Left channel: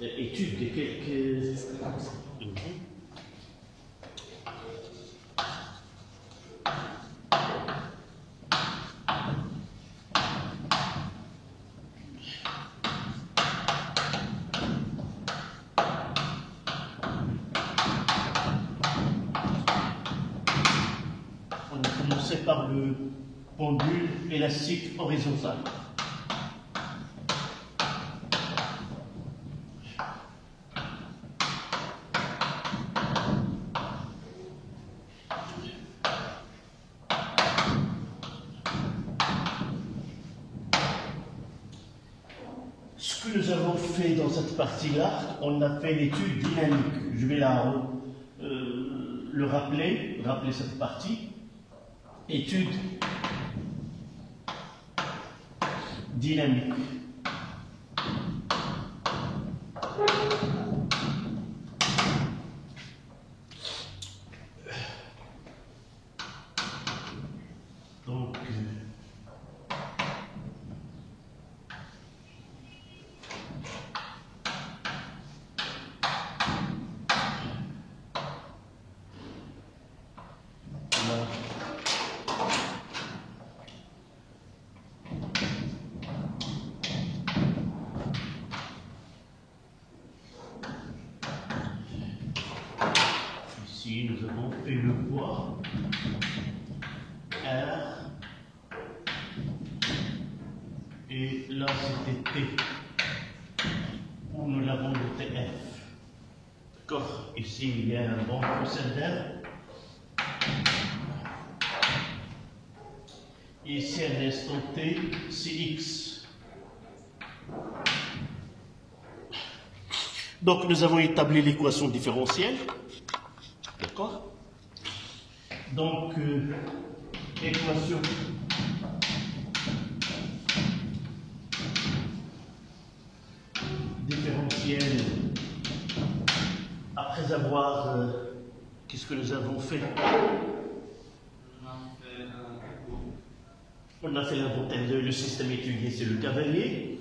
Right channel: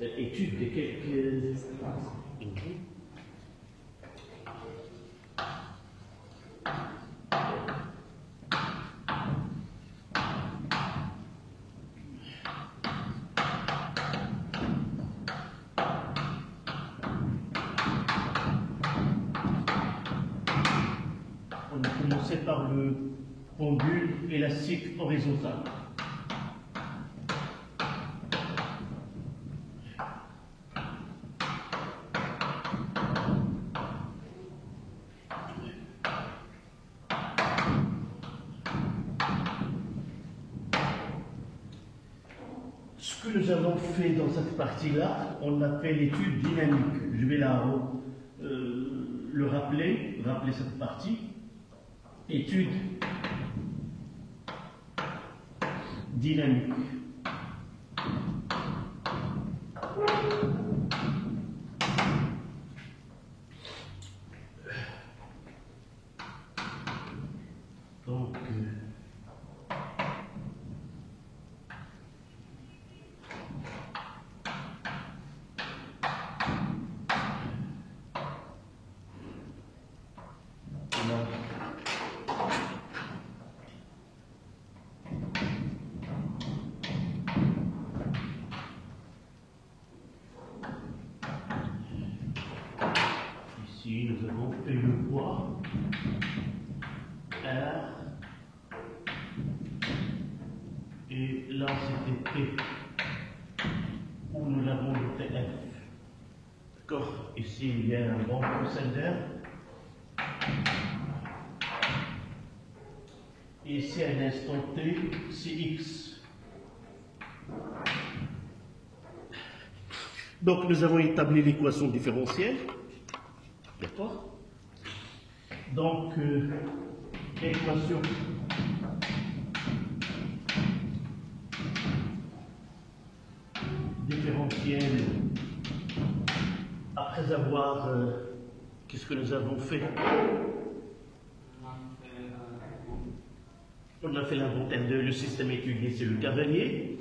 étude de quelques... On a commencé par le pendule élastique horizontal. Ce que nous avons fait dans cette partie-là, on a fait l'étude dynamique. Je vais le rappeler cette partie. Étude dynamique. Donc, ici, nous avons fait le poids R et là c'était T où nous l'avons noté F. D'accord? Ici il y a un bon procédé. Ici à l'instant T, c'est X. Donc nous avons établi l'équation différentielle. D'accord? Donc, équation différentielle, après avoir, qu'est-ce que nous avons fait? On a fait l'inventaire de le système étudié, c'est le cavalier.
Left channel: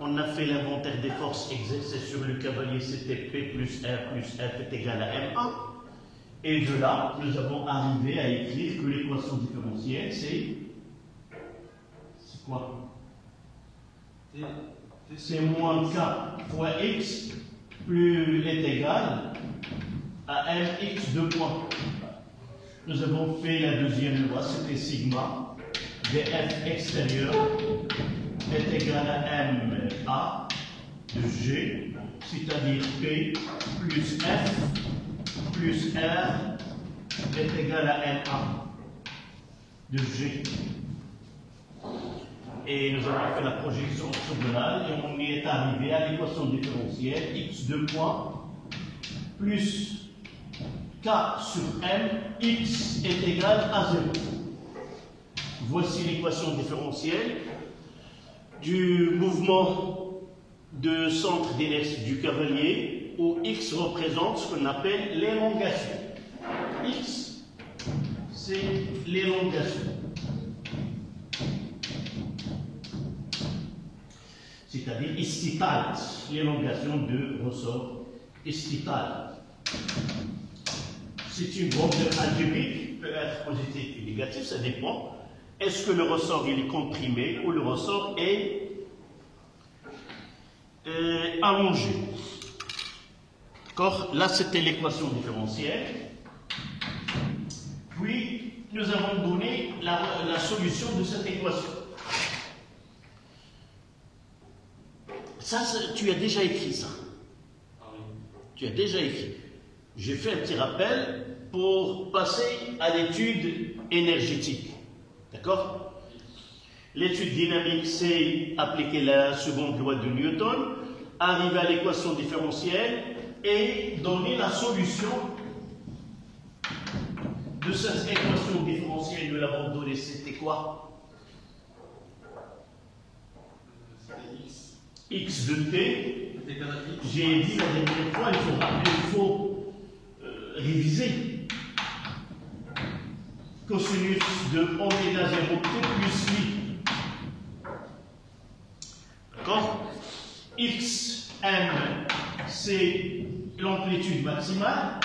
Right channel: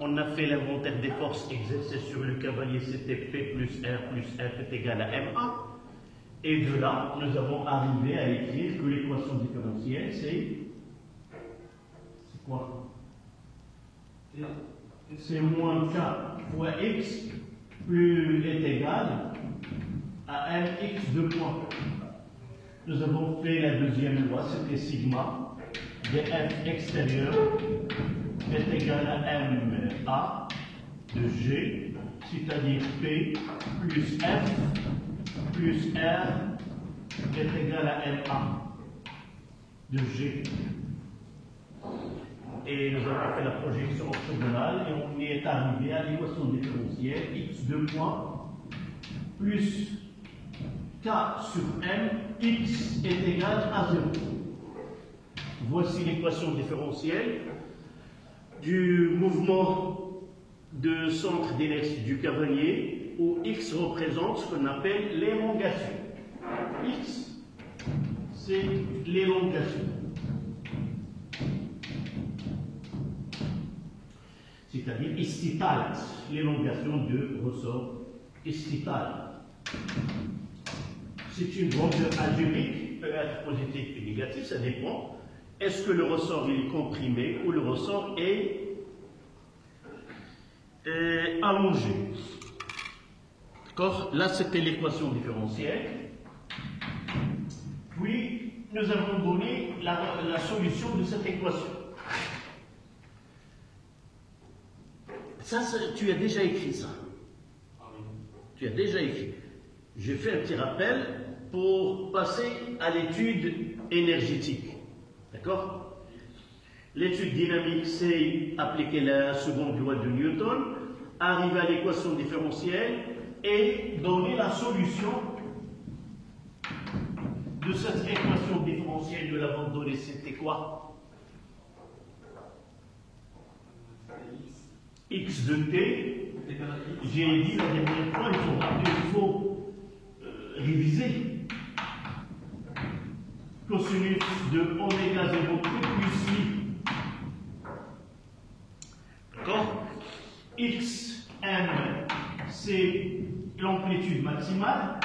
On a fait l'inventaire des forces exercées sur le cavalier, c'était P plus R plus F est égal à MA. Et de là, nous avons arrivé à écrire que l'équation différentielle, c'est quoi? C'est moins K fois X plus est égal à Mx 2 points. Nous avons fait la deuxième loi, c'était sigma df extérieur est égal à MA de G, c'est-à-dire P plus F plus R est égal à MA de G. Et nous avons fait la projection orthogonale et on y est arrivé à l'équation différentielle x2 points plus K sur M, x est égal à 0. Voici l'équation différentielle du mouvement de centre d'inertie du cavalier où x représente ce qu'on appelle l'élongation. X, c'est l'élongation. C'est-à-dire istital, l'élongation de ressort istital. C'est une bande algébrique, peut être positive ou négative, ça dépend. Est-ce que le ressort il est comprimé ou le ressort est allongé? D'accord? Là, c'était l'équation différentielle. Puis, nous avons donné la solution de cette équation. Ça, tu as déjà écrit ça. Tu as déjà écrit. J'ai fait un petit rappel pour passer à l'étude énergétique. D'accord? L'étude dynamique, c'est appliquer la seconde loi de Newton, arriver à l'équation différentielle et donner la solution de cette équation différentielle. Nous l'avons donnée, c'était quoi? X de t, j'ai dit la dernière fois, il faut réviser. Cosinus de oméga 0 t plus mi xm, c'est l'amplitude maximale.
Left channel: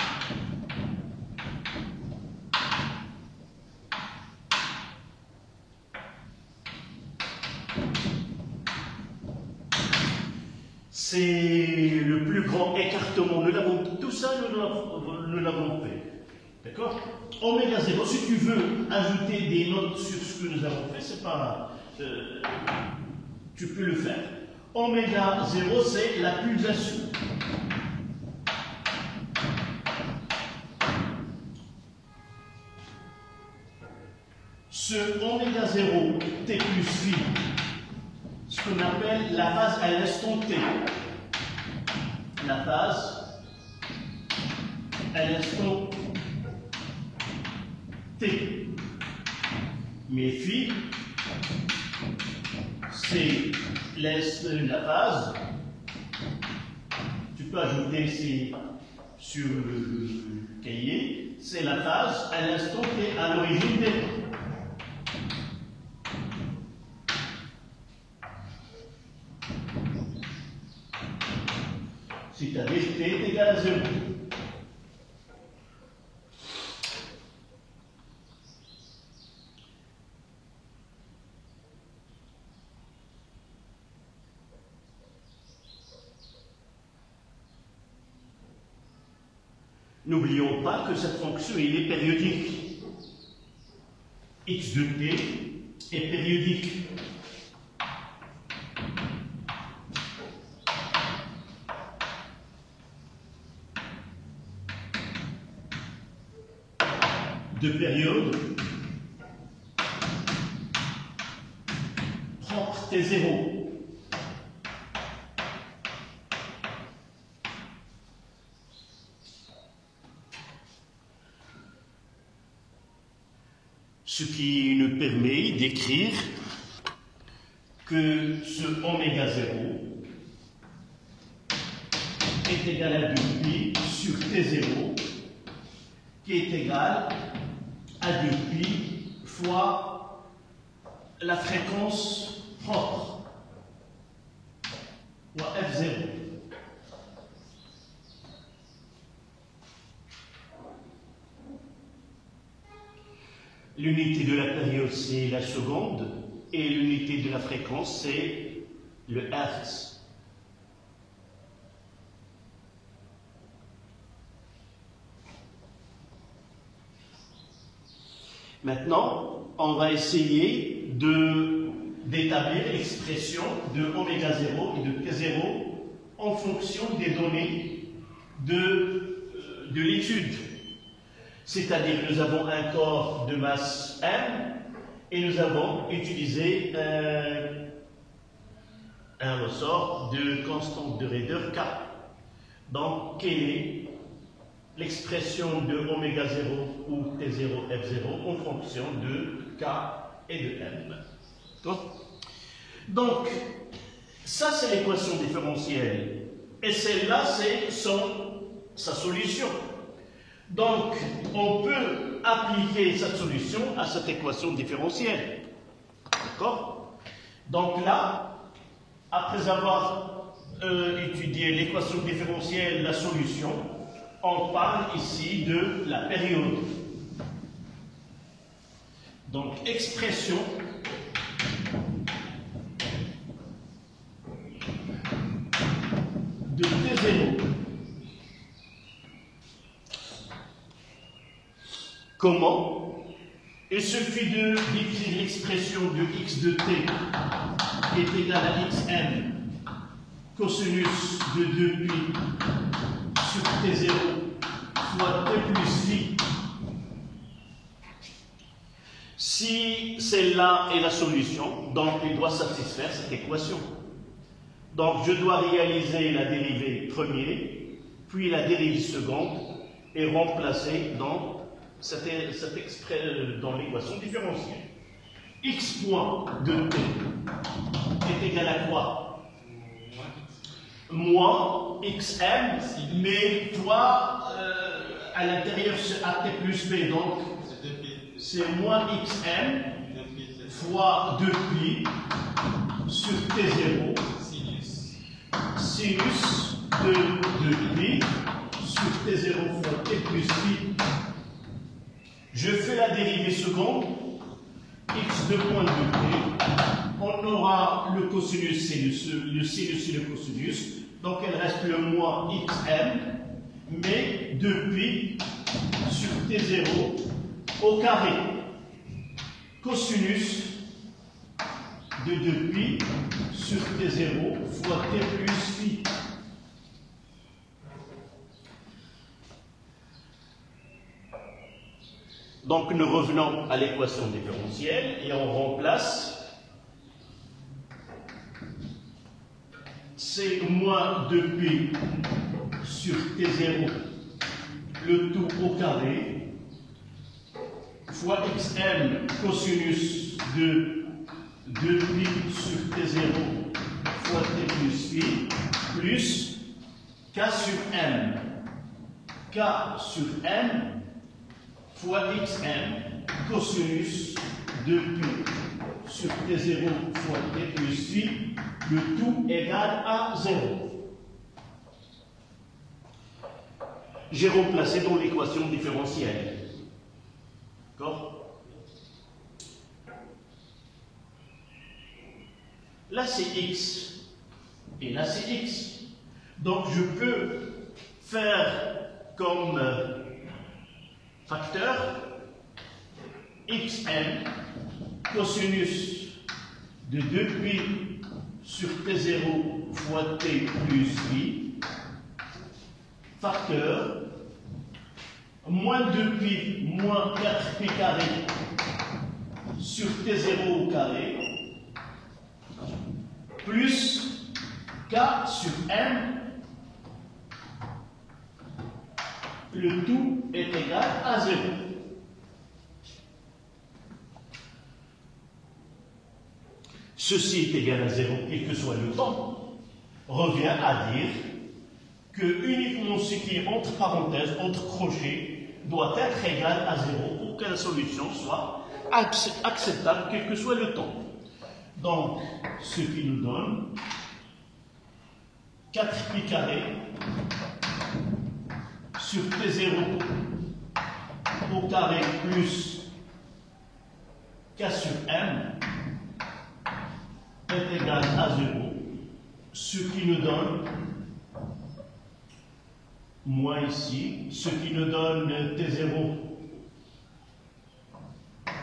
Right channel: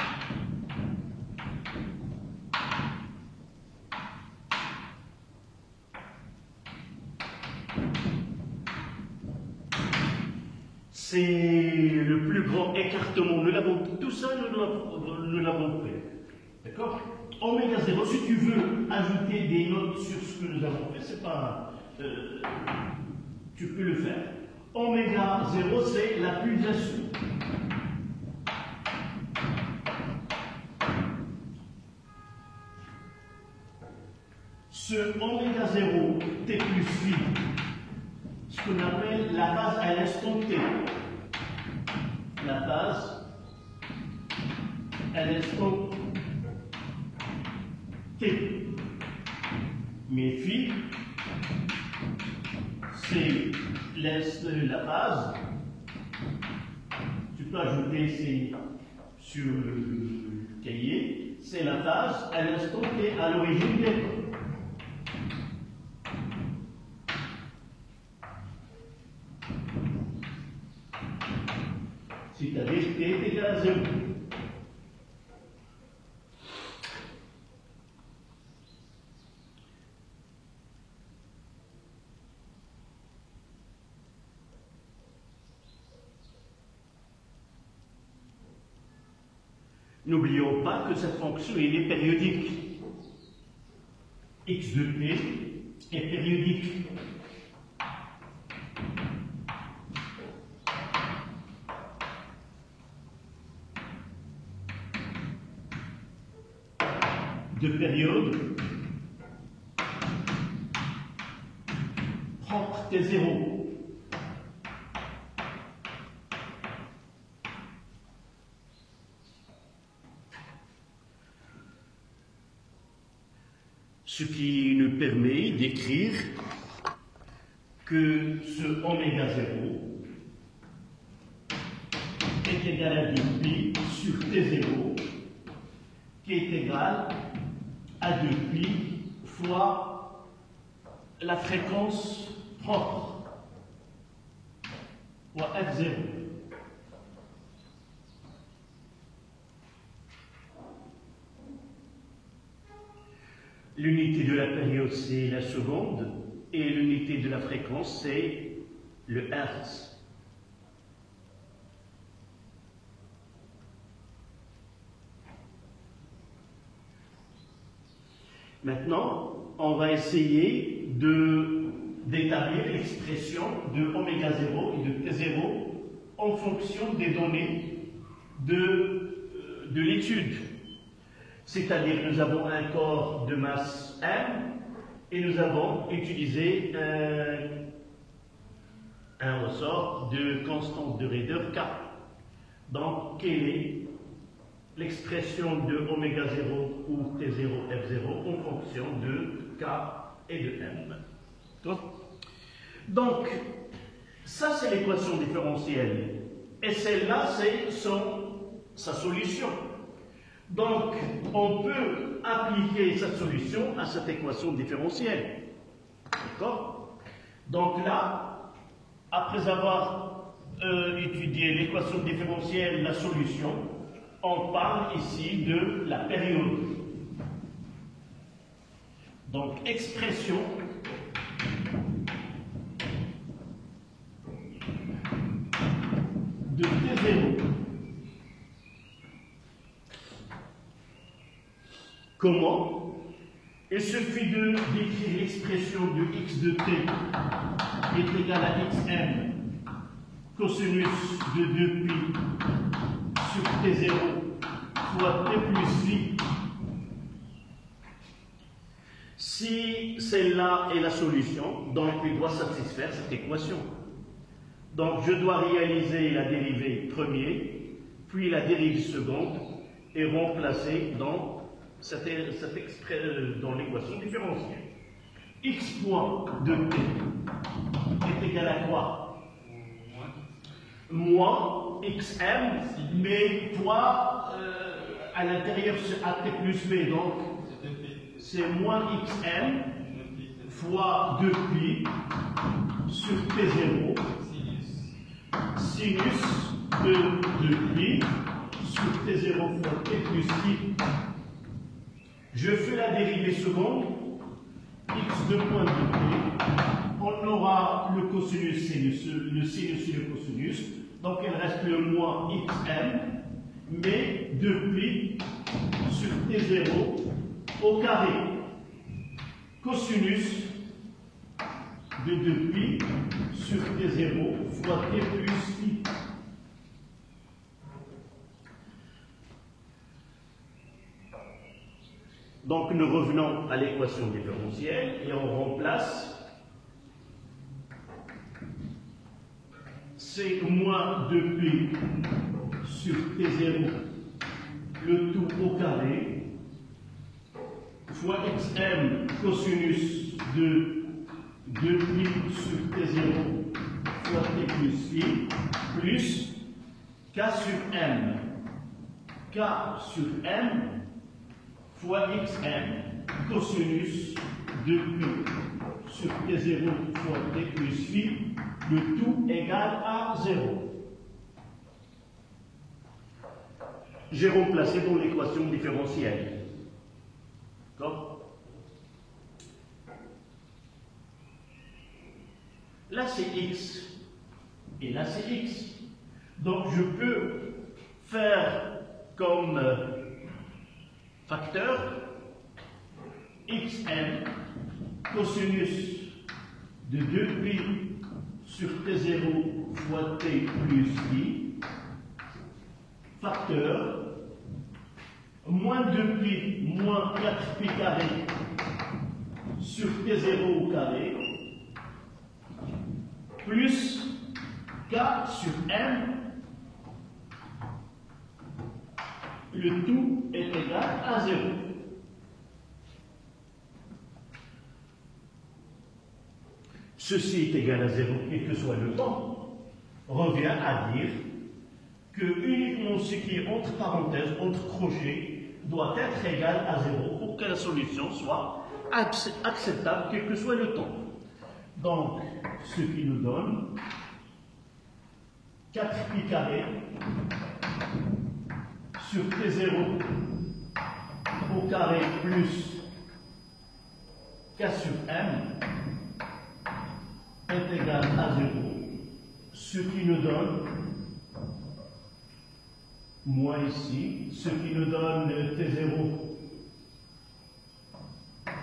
C'est le plus grand écartement. Tout ça, nous l'avons fait. D'accord? Oméga 0, si tu veux ajouter des notes sur ce que nous avons fait, c'est pas. Tu peux le faire. Oméga 0, c'est la pulsation. Ce oméga 0, t plus phi, ce qu'on appelle la phase à l'instant t. La phase à l'instant t. Mais phi, c'est la phase. Tu peux ajouter sur le cahier. C'est la phase à l'instant t à l'origine des temps. C'est-à-dire t est égal à 0. N'oublions pas que cette fonction elle est périodique. X de t est périodique. De période propre T0. Ce qui nous permet d'écrire que ce oméga 0 est égal à 2pi sur T0 qui est égal à 2pi fois la fréquence propre, fois F0. L'unité de la période, c'est la seconde, et l'unité de la fréquence, c'est le Hertz. Maintenant, on va essayer d'établir l'expression de oméga 0 et de T0 en fonction des données de l'étude. C'est-à-dire que nous avons un corps de masse M et nous avons utilisé un ressort de constante de raideur K. Donc, quelle est l'expression de oméga 0 ou T0, F0 en fonction de K et de M? Donc, ça c'est l'équation différentielle. Et celle-là, c'est sa solution. Donc, on peut appliquer cette solution à cette équation différentielle. D'accord? Donc là, après avoir étudié l'équation différentielle, la solution, on parle ici de la période. Donc, expression de T0. Comment? Il suffit d'écrire l'expression de x de t est égal à xm cosinus de 2pi sur t0 fois t plus phi. Si celle-là est la solution, donc il doit satisfaire cette équation. Donc je dois réaliser la dérivée première, puis la dérivée seconde et remplacer dans dans l'équation différentielle. X point de t est égal à quoi? Moins xm, mais fois à l'intérieur c'est at plus b, donc c'est moins xm fois 2pi sur t0 sinus de 2pi sur t0 fois t plus pi. Je fais la dérivée seconde, x de point de t. On aura le cosinus, c'est le sinus et le cosinus. Donc il reste le moins xm, mais 2pi sur t0 au carré. Cosinus de 2pi sur t0 fois t plus pi. Donc nous revenons à l'équation différentielle et on remplace c'est moins 2pi sur t0 le tout au carré fois xm cosinus de 2pi sur t0 fois t plus pi plus k sur m. K sur m fois xm cosinus de pi sur t0 fois t plus pi, le tout égal à 0. J'ai remplacé dans l'équation différentielle. D'accord? Là c'est x et là c'est x. Donc je peux faire comme facteur xm cosinus de 2pi sur t0 fois t plus pi, facteur moins 2pi moins 4pi carré sur t0 au carré plus k sur m, le tout est égal à 0. Ceci est égal à 0, quel que soit le temps, revient à dire que uniquement ce qui est entre parenthèses, entre crochets, doit être égal à 0 pour que la solution soit acceptable, quel que soit le temps. Donc, ce qui nous donne 4pi carré sur t0 au carré plus k sur m est égal à 0, ce qui nous donne, moins ici, ce qui nous donne t0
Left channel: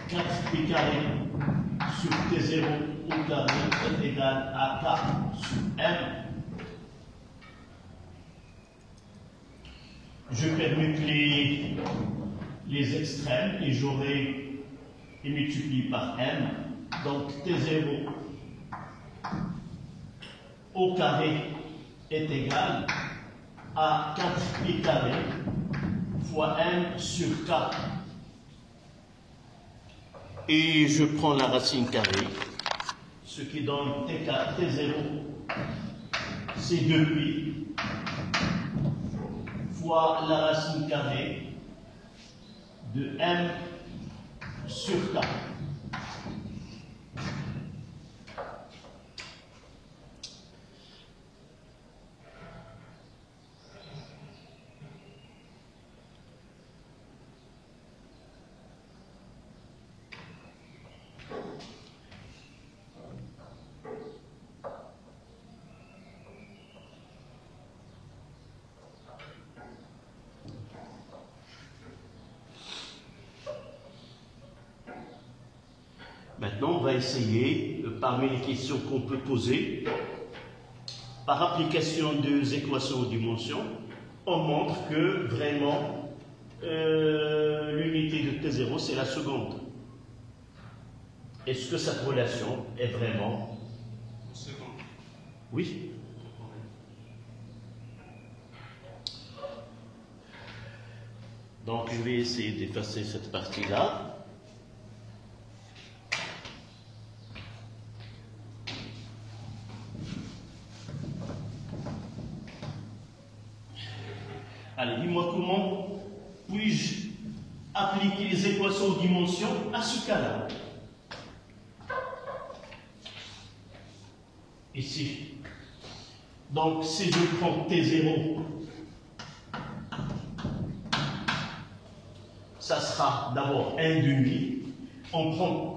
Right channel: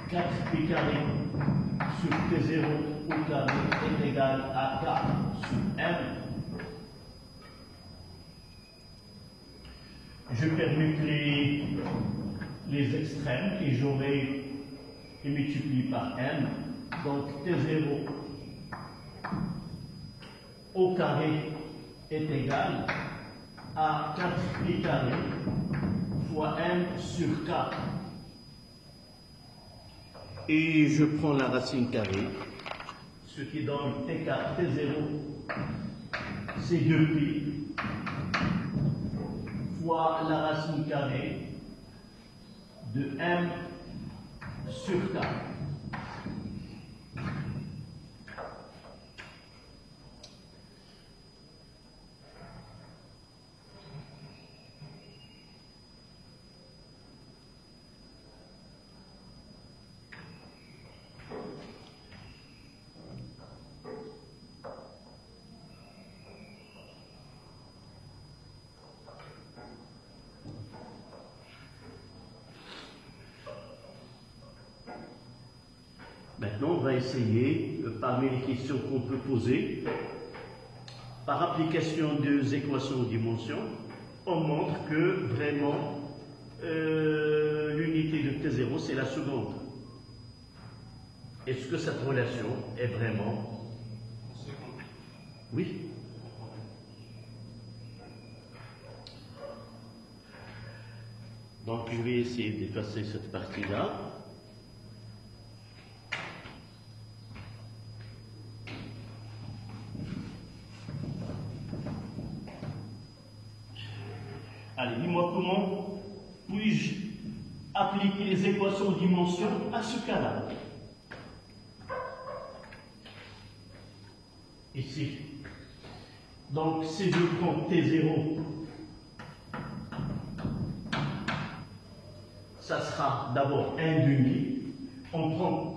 4pi carré sur t0 au carré est égal à k sur m. Je permute les extrêmes et j'aurai et multiplie par m. Donc t0 au carré est égal à 4pi carré fois m sur k. Et je prends la racine carrée, ce qui donne t0, c'est 2pi fois la racine carrée de m sur k. Maintenant, on va essayer, parmi les questions qu'on peut poser, par application des équations aux dimensions, on montre que vraiment l'unité de T0 c'est la seconde. Est-ce que cette relation est vraiment seconde? Oui. Donc je vais essayer d'effacer cette partie-là. Allez, dis-moi comment puis-je appliquer les équations aux dimensions à ce cas-là. Ici, Donc, si je prends T0, ça sera d'abord 1,5. On prend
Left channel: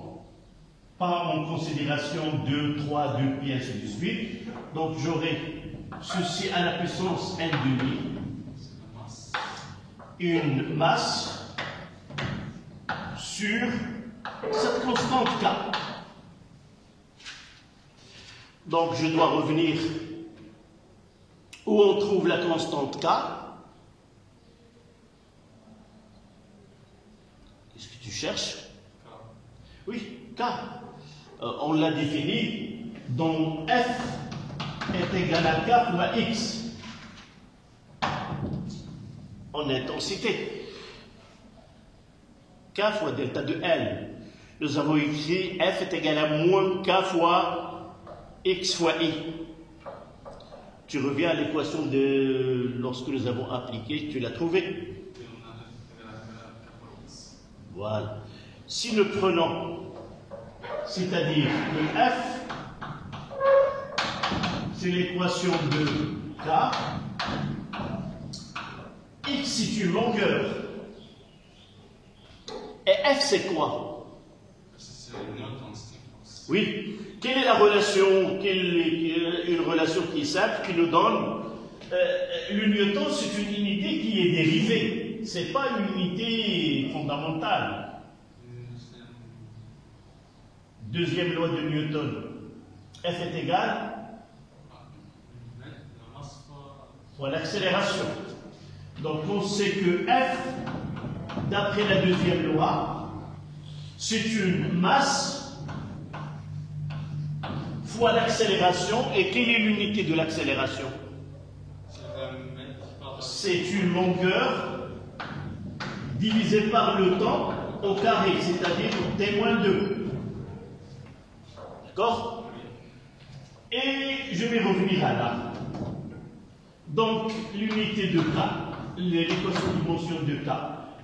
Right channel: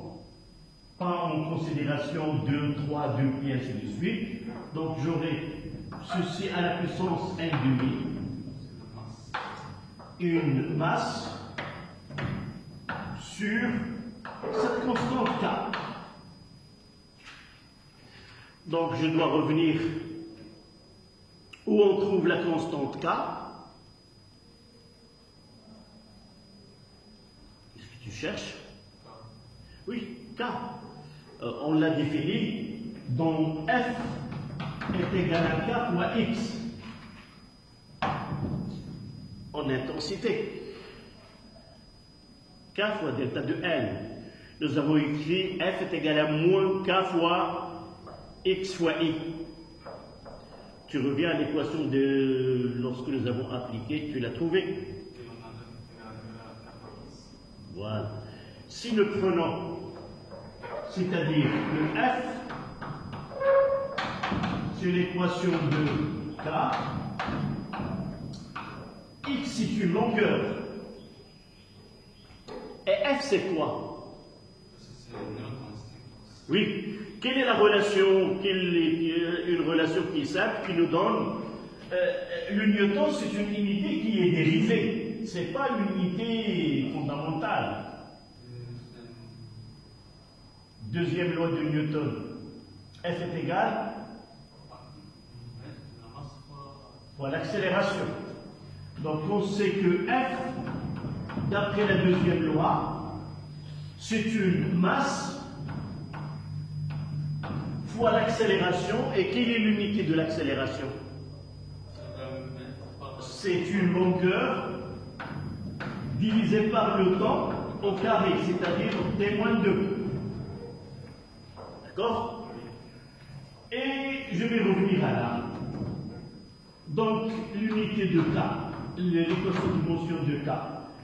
pas en considération 2, 3, 2, puis ainsi de suite. Donc, j'aurai ceci à la puissance 1,5. Une masse sur cette constante K. Donc, je dois revenir où on trouve la constante K. Qu'est-ce que tu cherches? Oui, K. On l'a défini, dont F est égal à K fois X en intensité. K fois delta de L. Nous avons écrit F est égal à moins K fois X fois I. Tu reviens à l'équation de lorsque nous avons appliqué, tu l'as trouvée. Voilà. Si nous prenons, c'est-à-dire que F, c'est l'équation de K, X c'est une longueur. Et F c'est quoi? C'est une intensité. Oui. Quelle est la relation? Une relation qui est simple, qui nous donne le newton, c'est une unité qui est dérivée. Ce n'est pas une unité fondamentale. Deuxième loi de Newton. F est égal fois l'accélération. Donc on sait que F, d'après la deuxième loi, c'est une masse fois l'accélération. Et quelle est l'unité de l'accélération? C'est une longueur divisée par le temps au carré, c'est-à-dire T-2. D'accord? Et je vais revenir à là. Donc, l'unité de K, l'équation de motion de K,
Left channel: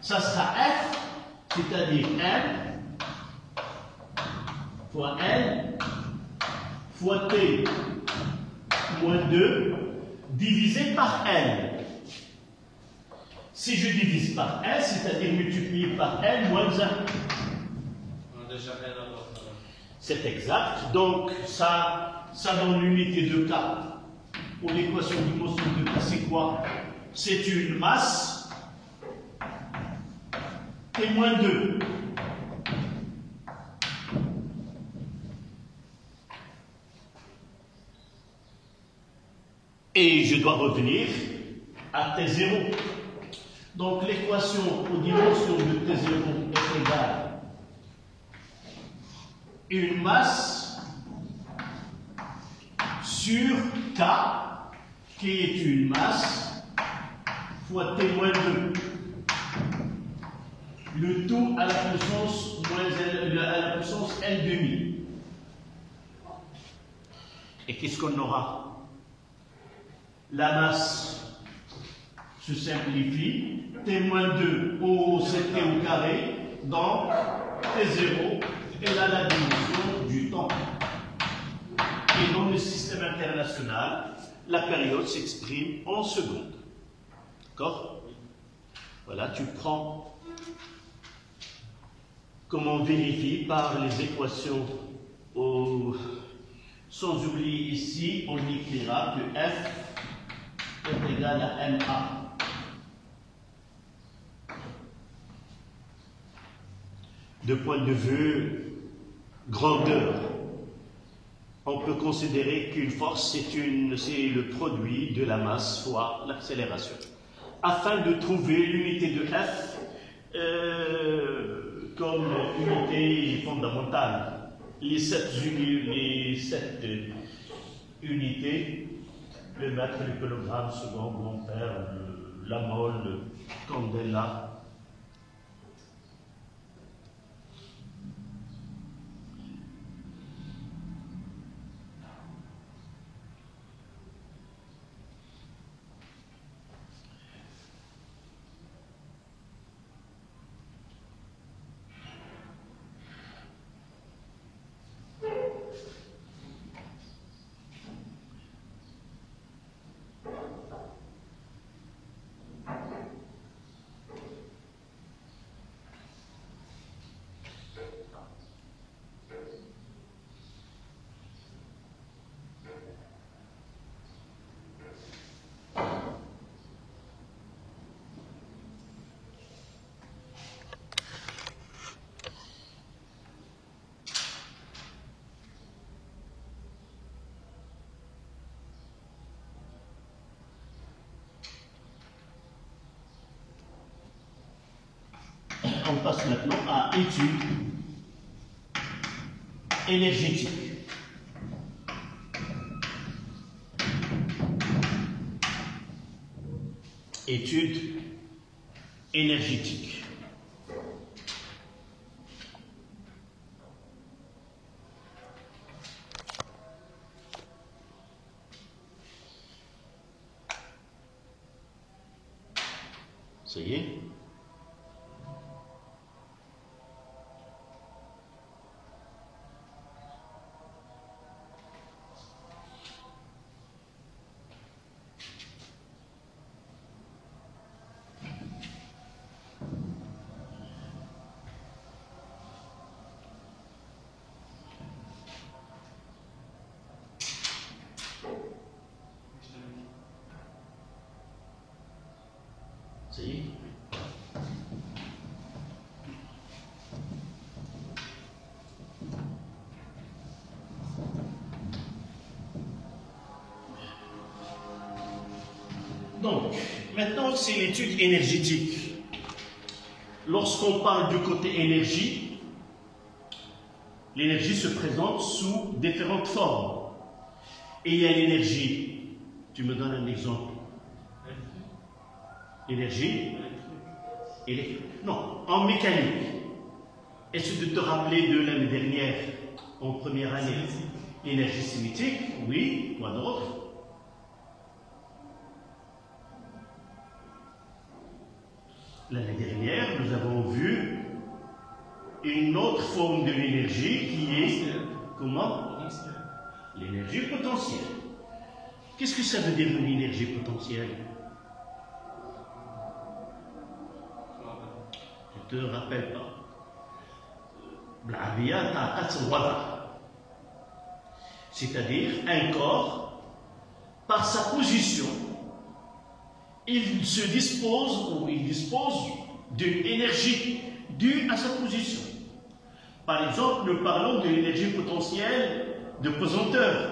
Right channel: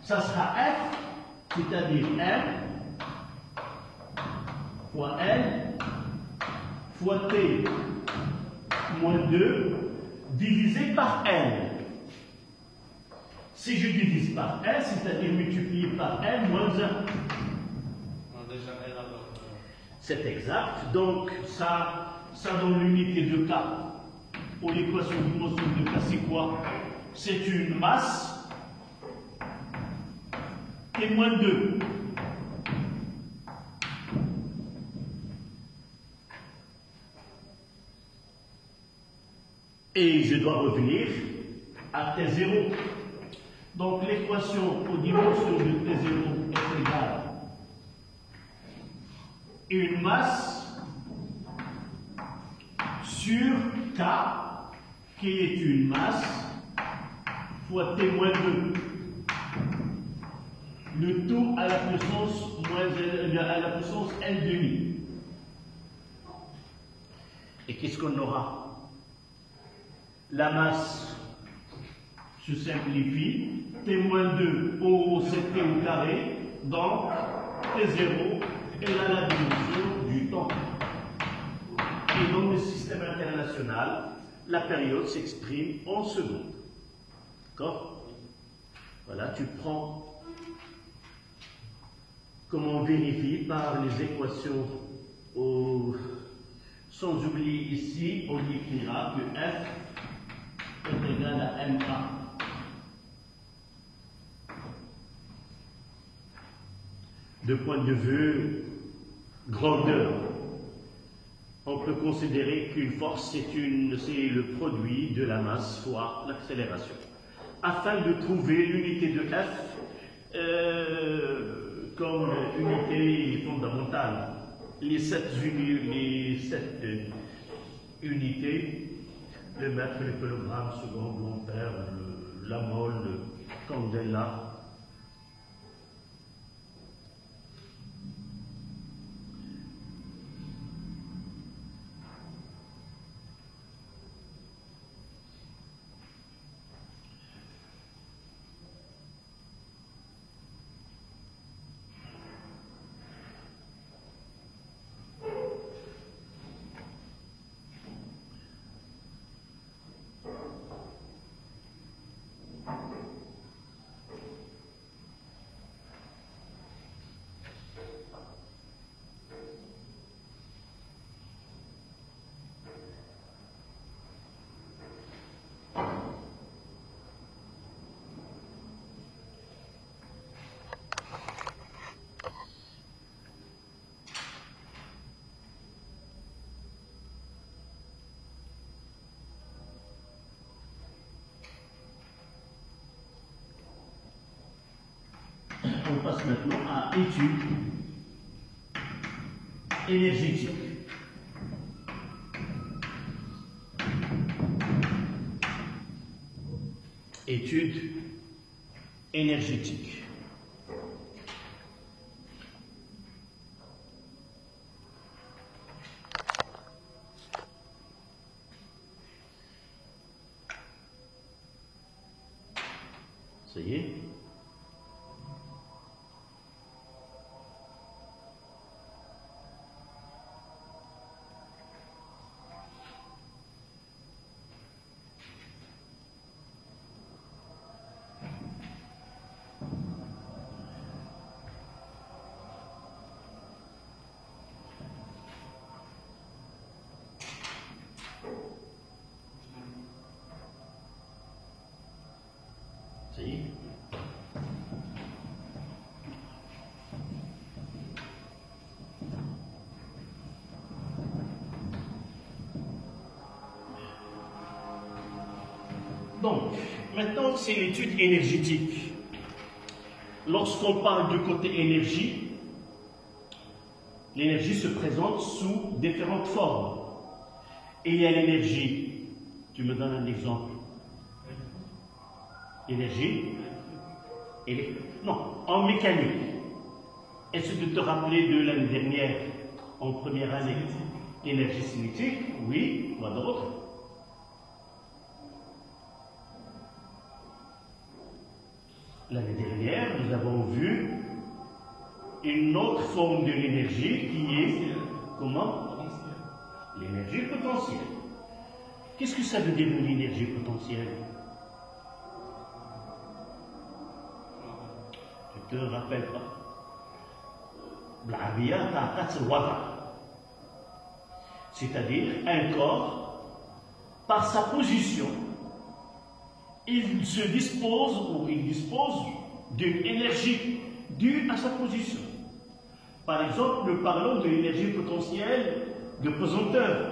ça sera F, c'est-à-dire M fois N fois T moins 2 divisé par N. Si je divise par N, c'est-à-dire multiplié par N moins 1. C'est exact. Donc, ça donne l'unité de K. Pour l'équation de motion de K, c'est quoi? C'est une masse T moins 2. Et je dois revenir à T0. Donc l'équation aux dimensions de T0 est égale à une masse sur K, qui est une masse, fois T-2. Le tout à la puissance, L demi. Et qu'est-ce qu'on aura? La masse se simplifie, T-2 au CT au carré, donc T0 est là la dimension du temps. Et dans le système international, la période s'exprime en secondes. D'accord? Voilà, tu prends, comme on vérifie par les équations, sans oublier ici, on écrira que F est égal à MA. De point de vue grandeur, on peut considérer qu'une force, c'est le produit de la masse fois l'accélération. Afin de trouver l'unité de F comme unité fondamentale, les sept unités, le mètre, le kilogramme, seconde, l'ampère, la mole, le candela. on passe maintenant à études énergétiques. Études énergétiques. Ça y est. Ça y est. Donc, maintenant, c'est l'étude énergétique. Lorsqu'on parle du côté énergie, l'énergie se présente sous différentes formes. Et il y a l'énergie. Tu me donnes un exemple. Énergie. Non, en mécanique. Est-ce de te rappeler de l'année dernière, en première année, énergie cinétique? Oui, quoi d'autre? L'année dernière, nous avons vu une autre forme de l'énergie qui est, comment? L'énergie potentielle. Qu'est-ce que ça veut dire une énergie potentielle? Je ne te rappelle pas. C'est-à-dire un corps, par sa position, il dispose d'une énergie due à sa position. Par exemple, nous parlons de l'énergie potentielle de pesanteur.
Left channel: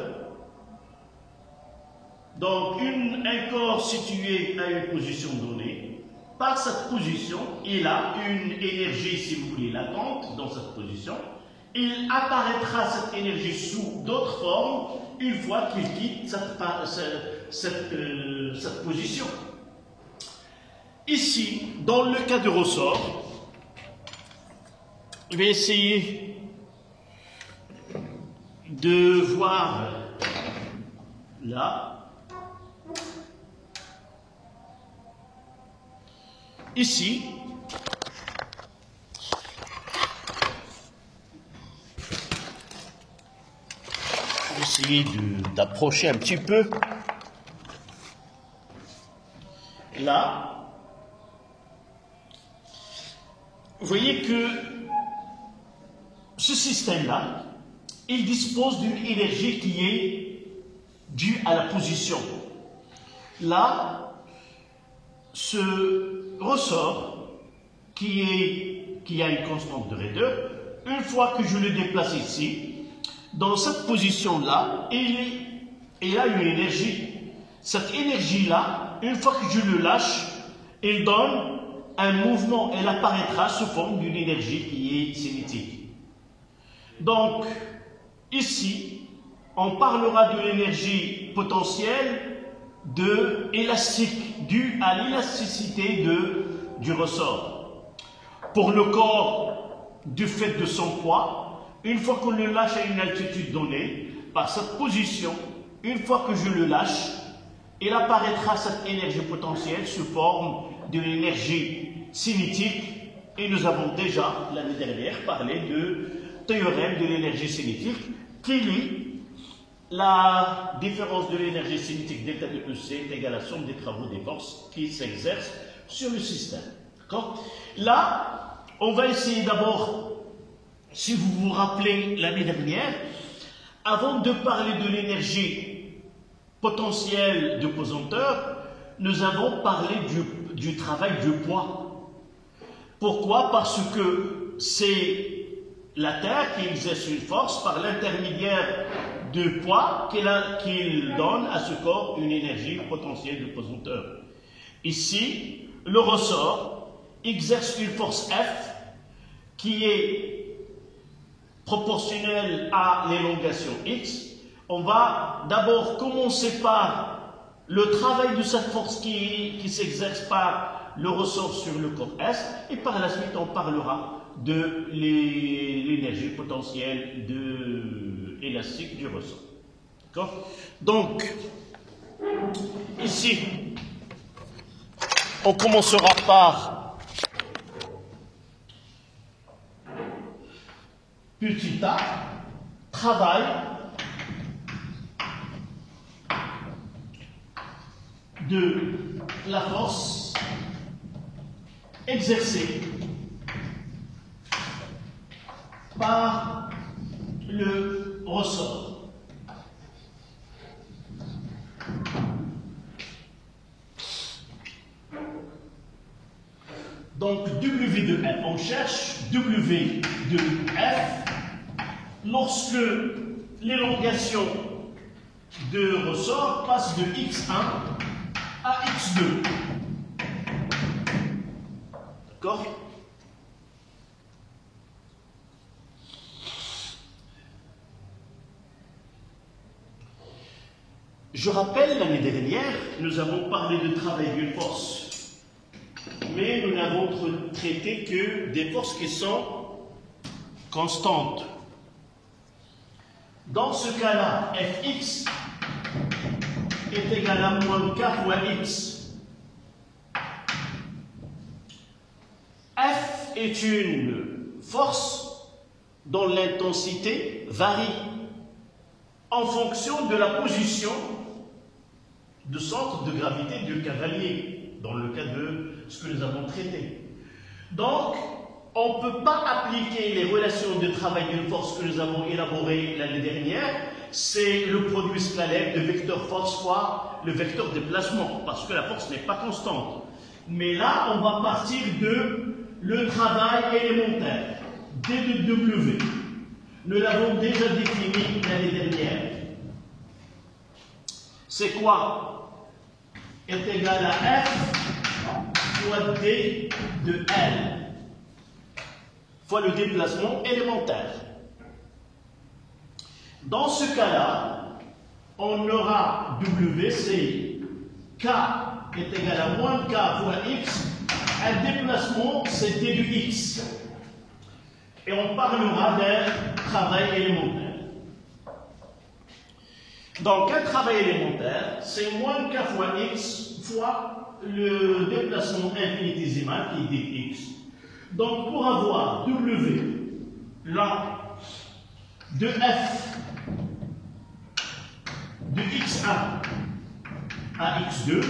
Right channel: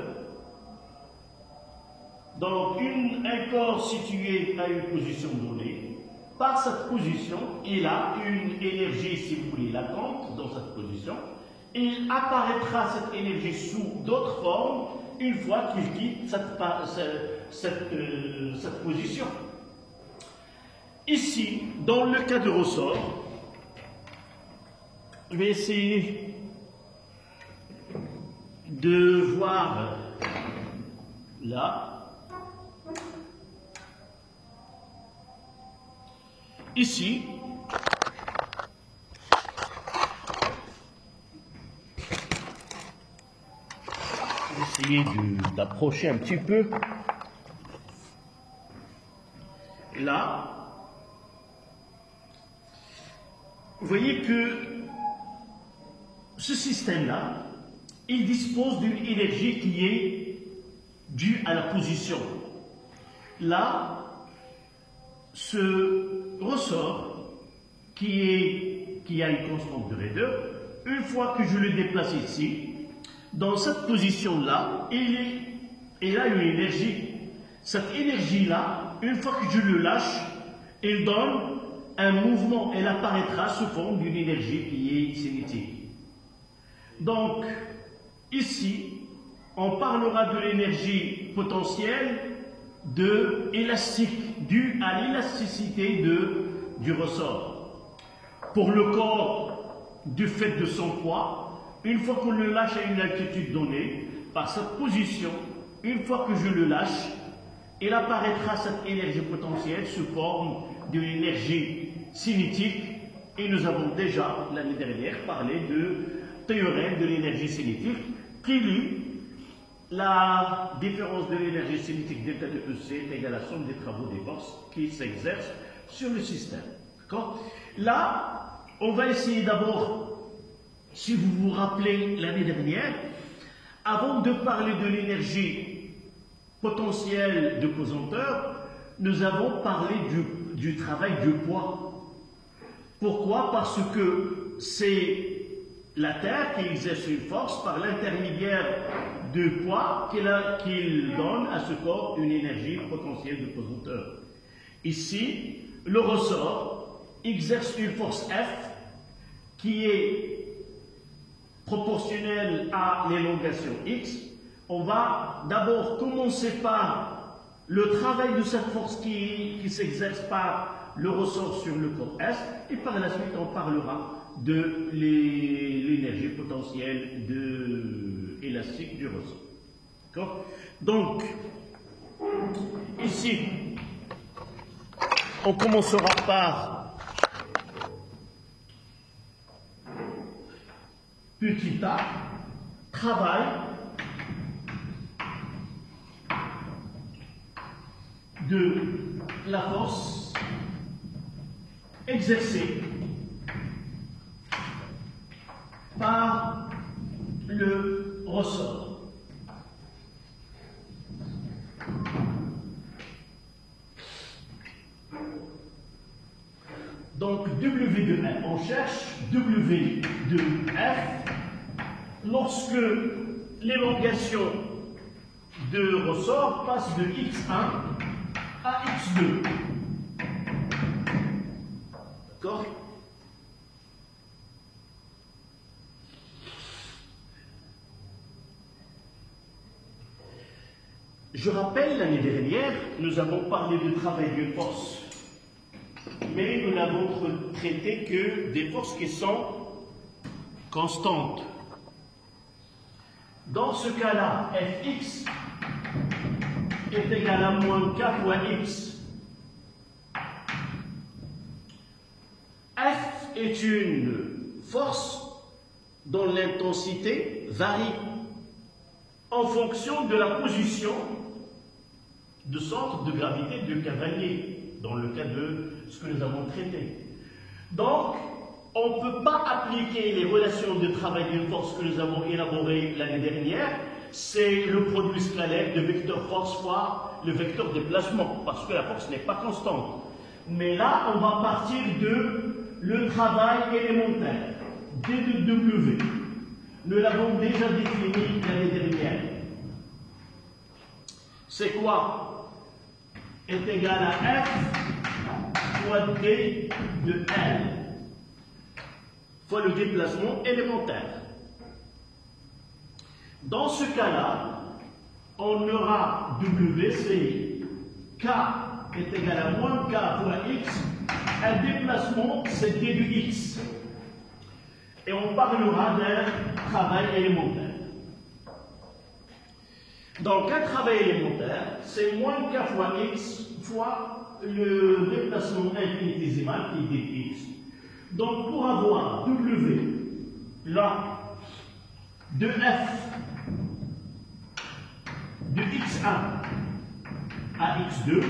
Donc, un corps situé à une position donnée, par cette position, il a une énergie, si vous voulez, latente dans cette position. Il apparaîtra cette énergie sous d'autres formes une fois qu'il quitte cette position. Ici, dans le cas de ressort, je vais essayer de voir là. Ici, je vais essayer d'approcher un petit peu. Là, vous voyez que ce système-là, il dispose d'une énergie qui est due à la position. Là, ce ressort qui a une constante de raideur, une fois que je le déplace ici, dans cette position-là, il a une énergie. Cette énergie-là, une fois que je le lâche, il donne un mouvement, elle apparaîtra sous forme d'une énergie qui est cinétique. Donc, ici, on parlera de l'énergie potentielle élastique, due à l'élasticité du ressort. Pour le corps, du fait de son poids, une fois qu'on le lâche à une altitude donnée, par cette position, une fois que je le lâche, il apparaîtra cette énergie potentielle sous forme d'une énergie cinétique. Et nous avons déjà, l'année dernière, parlé du théorème de l'énergie cinétique qui lie la différence de l'énergie cinétique delta de EC est égale à la somme des travaux des forces qui s'exercent sur le système. Là, on va essayer d'abord, si vous vous rappelez l'année dernière, avant de parler de l'énergie potentielle de pesanteur, nous avons parlé du travail de poids. Pourquoi? Parce que c'est la Terre qui exerce une force par l'intermédiaire de poids qu'il donne à ce corps une énergie potentielle de pesanteur. Ici, le ressort exerce une force F qui est proportionnel à l'élongation x, on va d'abord commencer par le travail de cette force qui s'exerce par le ressort sur le corps S, et par la suite on parlera de l'énergie potentielle élastique du ressort. D'accord? Donc, ici, on commencera par petit a, travail de la force exercée par le ressort. Donc W de F, on cherche W de F lorsque l'élongation de ressort passe de x1 à x2. D'accord? Je rappelle, l'année dernière, nous avons parlé de travail d'une force, mais nous n'avons traité que des forces qui sont constantes. Dans ce cas-là, Fx est égal à moins k fois x. F est une force dont l'intensité varie en fonction de la position de centre de gravité du cavalier, dans le cas de ce que nous avons traité. Donc, on ne peut pas appliquer les relations de travail d'une force que nous avons élaborées l'année dernière. C'est le produit scalaire de vecteur force fois le vecteur déplacement, parce que la force n'est pas constante. Mais là, on va partir de le travail élémentaire, D de W. Nous l'avons déjà défini l'année dernière. C'est quoi? Est égal à F fois D de L fois le déplacement élémentaire. Dans ce cas-là, on aura W, c'est K est égal à moins K fois X, un déplacement, c'est D de X. Et on parlera d'un travail élémentaire. Donc, un travail élémentaire, c'est moins K fois X fois le déplacement infinitésimal qui est dx. Donc, pour avoir W, là, de F de x1 à x2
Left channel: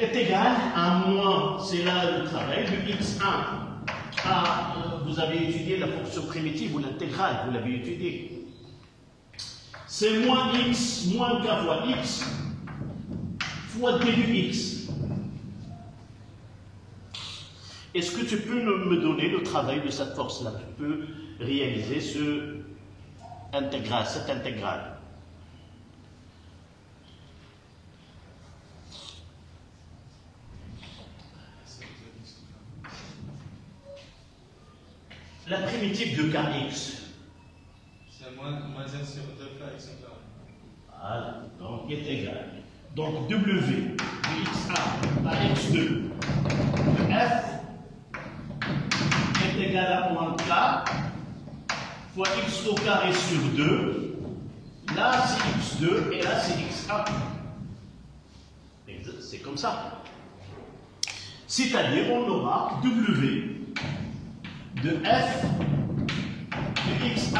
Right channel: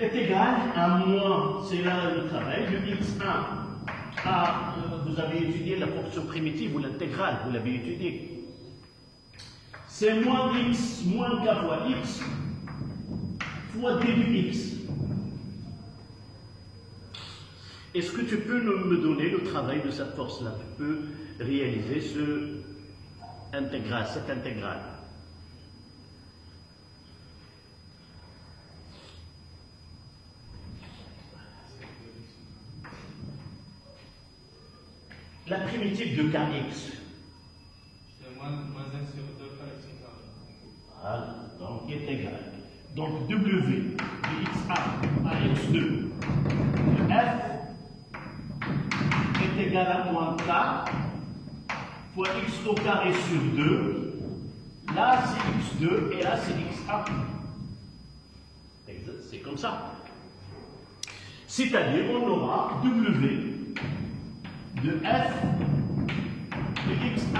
est égal à moins, c'est là le travail, de x1 à, vous avez étudié la fonction primitive ou l'intégrale, vous l'avez étudié. C'est moins x, moins k fois x, fois d de x. Est-ce que tu peux me donner le travail de cette force-là? Tu peux réaliser cette intégrale. La primitive de kx. C'est moins 1 sur 2 x carré. Voilà, donc est égal. Donc W de x1 à x2 de f est égal à moins k fois x au carré sur 2. Là c'est x2 et là c'est x1. C'est comme ça. C'est-à-dire on aura W de f de x1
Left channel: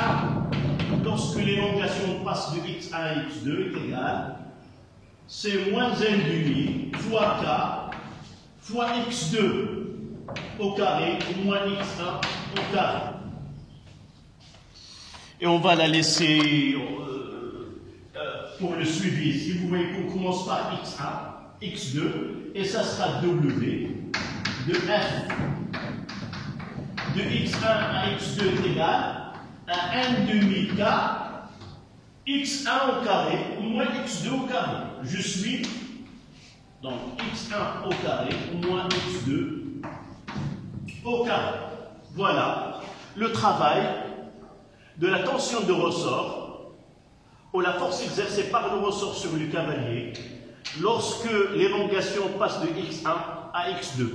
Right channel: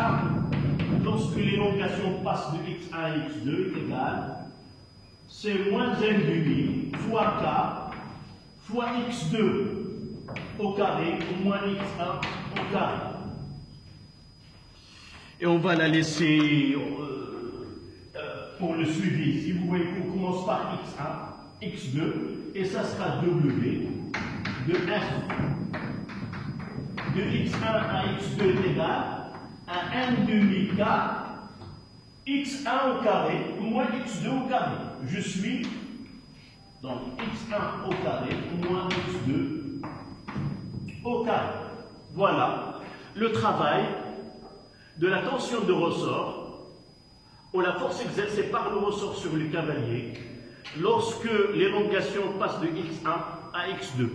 lorsque l'élongation passe de x1 à x2 est égale, c'est moins n' fois k fois x2 au carré moins x1 au carré. Et on va la laisser pour le suivi. Si vous voyez qu'on commence par x1, x2, et ça sera w de f de x1 à x2 est égal à n,2 k x1 au carré moins x2 au carré. Je suis donc x1 au carré moins x2 au carré. Voilà le travail de la tension de ressort ou la force exercée par le ressort sur le cavalier lorsque l'élongation passe de x1 à x2.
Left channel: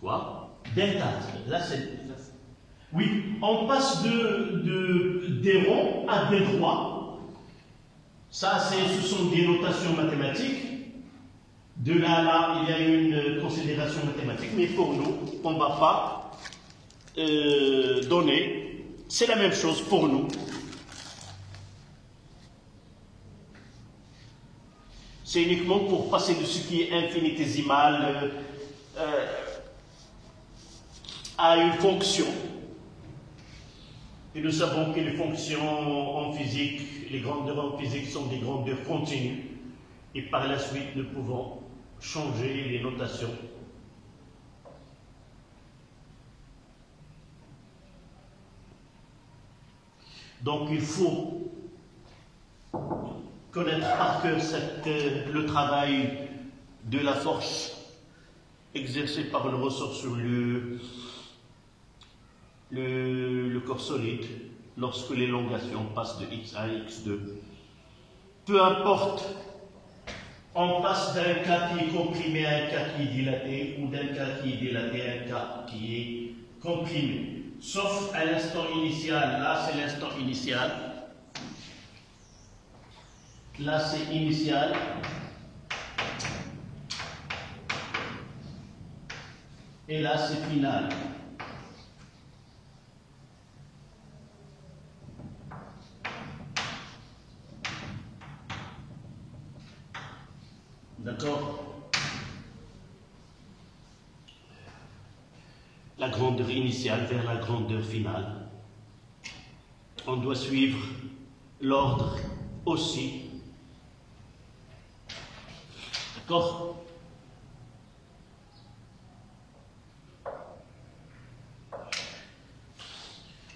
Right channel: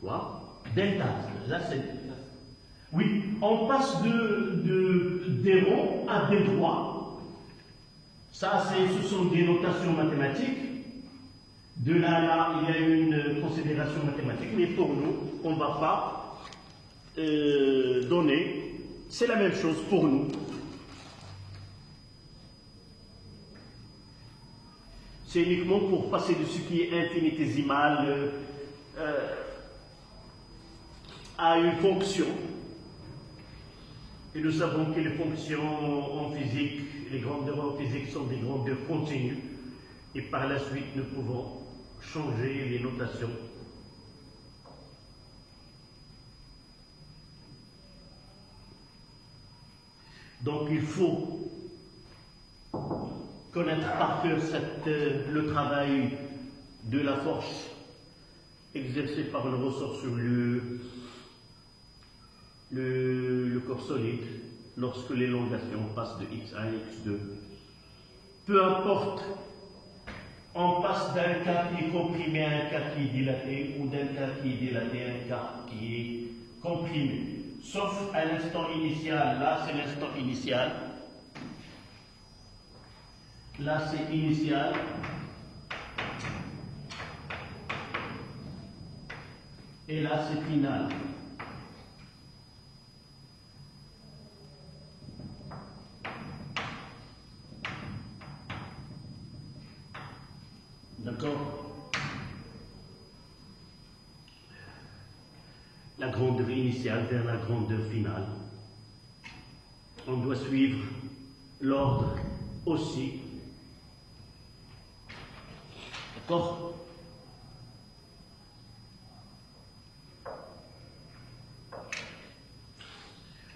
Quoi? Delta. Là, c'est... Oui, on passe des ronds à des droits. Ça, ce sont des notations mathématiques. De là à là, il y a une considération mathématique, mais pour nous, on ne va pas donner. C'est la même chose pour nous. C'est uniquement pour passer de ce qui est infinitésimal à une fonction. Et nous savons que les fonctions en physique, les grandeurs en physique sont des grandeurs continues. Et par la suite, nous pouvons changer les notations. Donc il faut connaître par cœur le travail de la force exercée par le ressort sur le corps solide lorsque l'élongation passe de x1 à x2. Peu importe, on passe d'un cas qui est comprimé à un cas qui est dilaté ou d'un cas qui est dilaté à un cas qui est comprimé. Sauf à l'instant initial, là c'est l'instant initial. Là, c'est initial. Et là, c'est final. D'accord? La grandeur initiale vers la grandeur finale. On doit suivre l'ordre aussi. D'accord?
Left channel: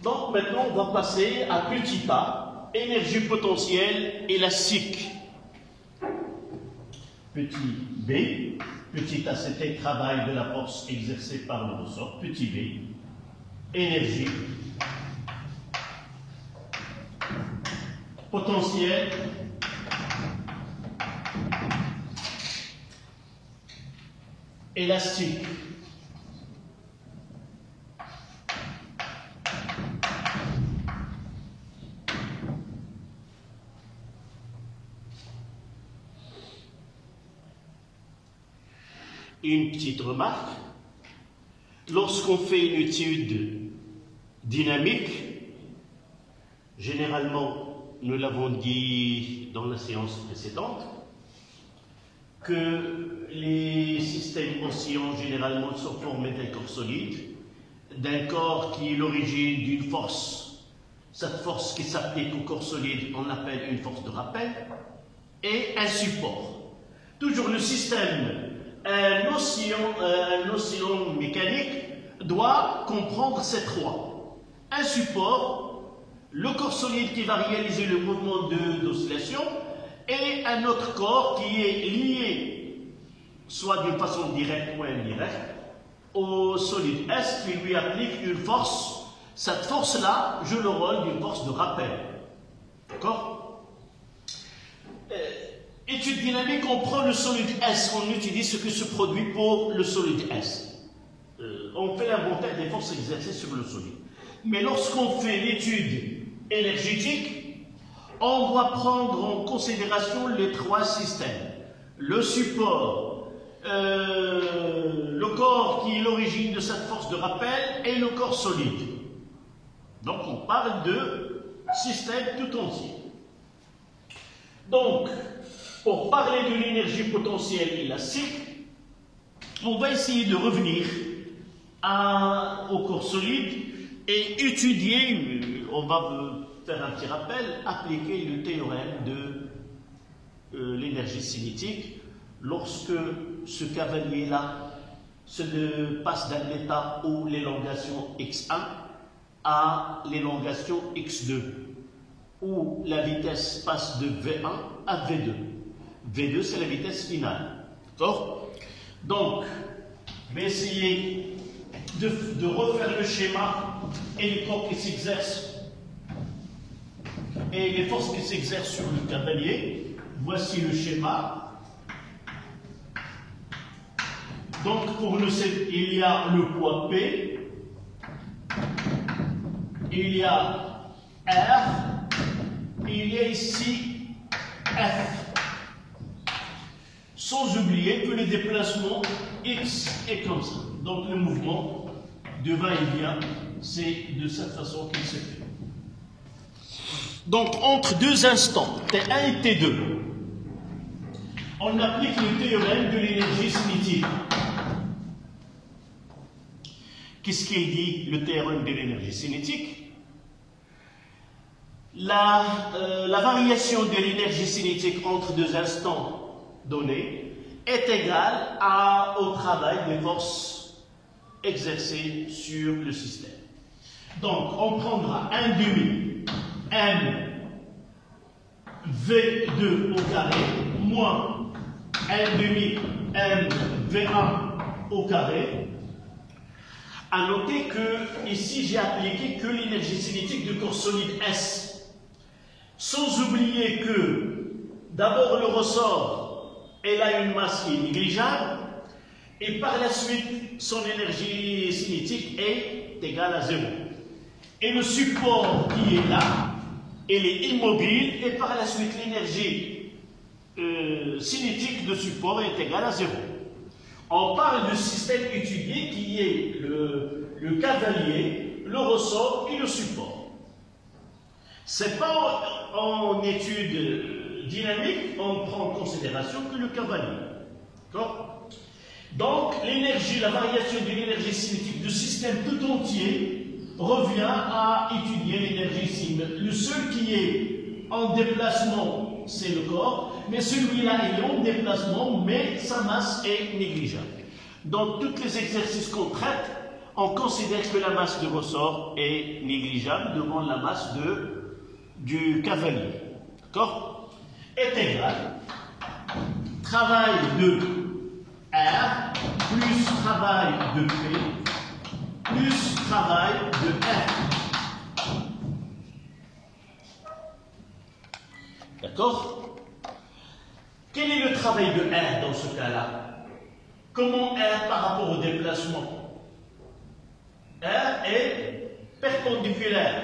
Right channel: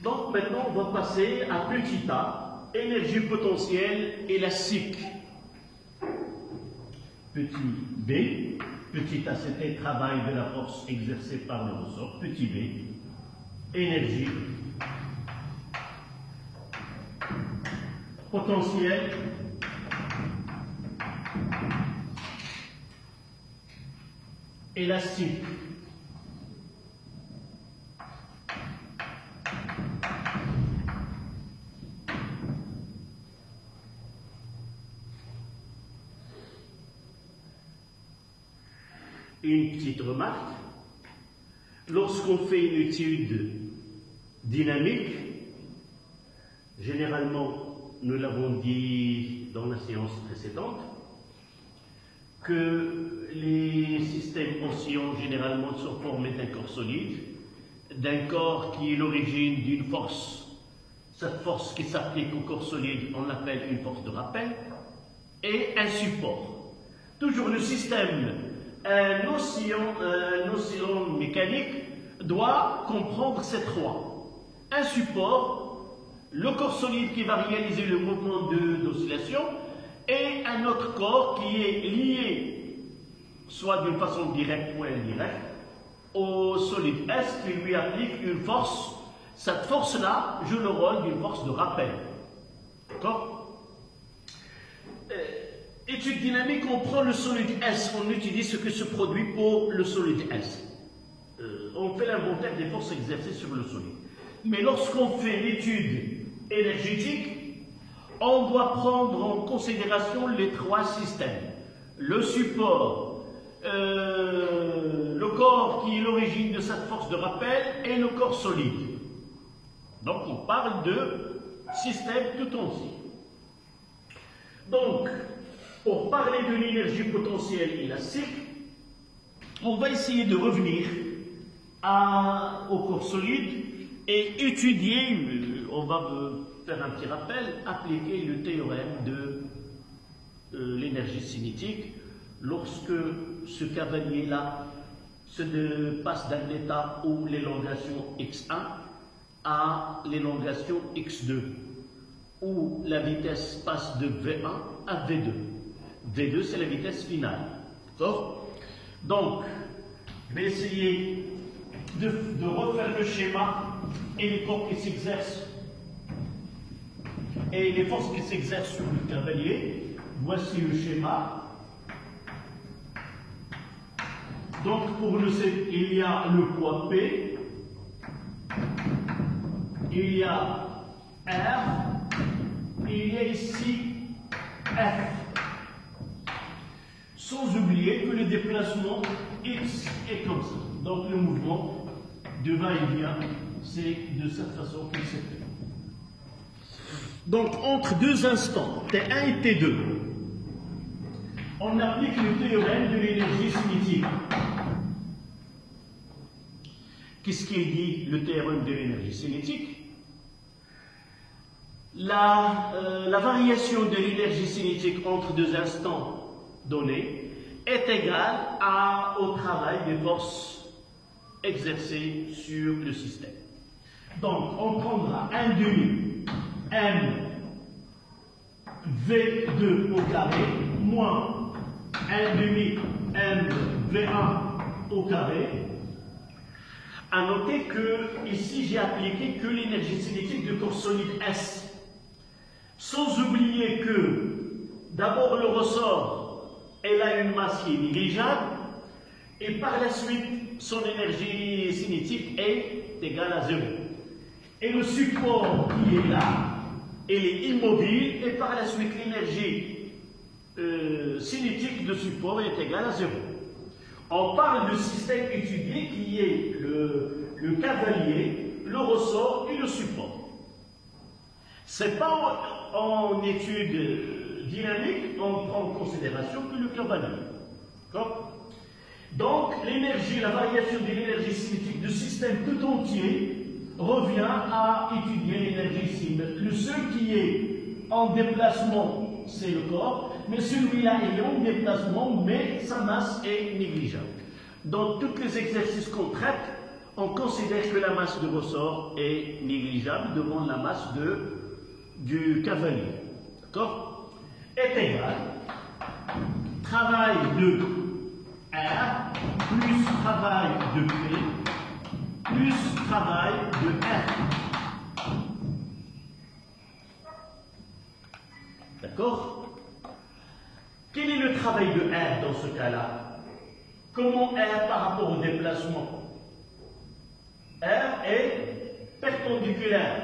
Donc maintenant on va passer à petit a, énergie potentielle élastique. Petit b, petit a c'était travail de la force exercée par le ressort, petit b, énergie potentielle élastique. Une petite remarque, lorsqu'on fait une étude dynamique, généralement, nous l'avons dit dans la séance précédente, que les systèmes oscillants généralement sont formés d'un corps solide, d'un corps qui est l'origine d'une force. Cette force qui s'applique au corps solide, on l'appelle une force de rappel, et un support. Toujours le système, un oscillant mécanique doit comprendre ces trois. Un support, le corps solide qui va réaliser le mouvement d'oscillation, et un autre corps qui est lié, soit d'une façon directe ou indirecte, au solide S qui lui applique une force. Cette force-là joue le rôle d'une force de rappel. D'accord? Étude dynamique, on prend le solide S, on utilise ce que se produit pour le solide S. On fait l'inventaire des forces exercées sur le solide. Mais lorsqu'on fait l'étude énergétique, on doit prendre en considération les trois systèmes. Le support, le corps qui est l'origine de cette force de rappel est le corps solide. Donc on parle de système tout entier. Donc, pour parler de l'énergie potentielle élastique, on va essayer de revenir au corps solide et étudier, on va faire un petit rappel, appliquer le théorème de l'énergie cinétique lorsque ce cavalier-là passe d'un état où l'élongation x1 à l'élongation x2, où la vitesse passe de V1 à V2. V2, c'est la vitesse finale. D'accord? Donc, je vais essayer de refaire le schéma et les corps qui s'exercent et les forces qui s'exercent sur le cavalier. Voici le schéma. Donc, pour le C, il y a le poids P, il y a R, et il y a ici F. Sans oublier que le déplacement X est comme ça. Donc, le mouvement de va-et-vient, c'est de cette façon qu'il se fait. Donc, entre deux instants, T1 et T2, on applique le théorème de l'énergie cinétique. Qu'est-ce qu'il dit, le théorème de l'énergie cinétique? La variation de l'énergie cinétique entre deux instants donnés est égale au travail des forces exercées sur le système. Donc, on prendra 1 demi M V2 au carré moins 1 demi M V1 au carré. À noter que ici j'ai appliqué que l'énergie cinétique de corps solide S. Sans oublier que d'abord le ressort, elle a une masse qui est négligeable et par la suite son énergie cinétique est égale à 0. Et le support qui est là, elle est immobile et par la suite l'énergie cinétique de support est égale à 0. On parle du système étudié qui est le cavalier, le ressort et le support. Ce n'est pas en étude dynamique, on prend en considération que le cavalier. Donc, l'énergie, la variation de l'énergie cinétique du système tout entier revient à étudier l'énergie cinétique. Le seul qui est en déplacement, c'est le corps. Mais celui-là, il est en déplacement, mais sa masse est négligeable. Dans tous les exercices qu'on traite, on considère que la masse de ressort est négligeable devant la masse du cavalier. D'accord? Est égal travail de R plus travail de P plus travail de R. D'accord? Quel est le travail de R dans ce cas-là? Comment R par rapport au déplacement? R est perpendiculaire.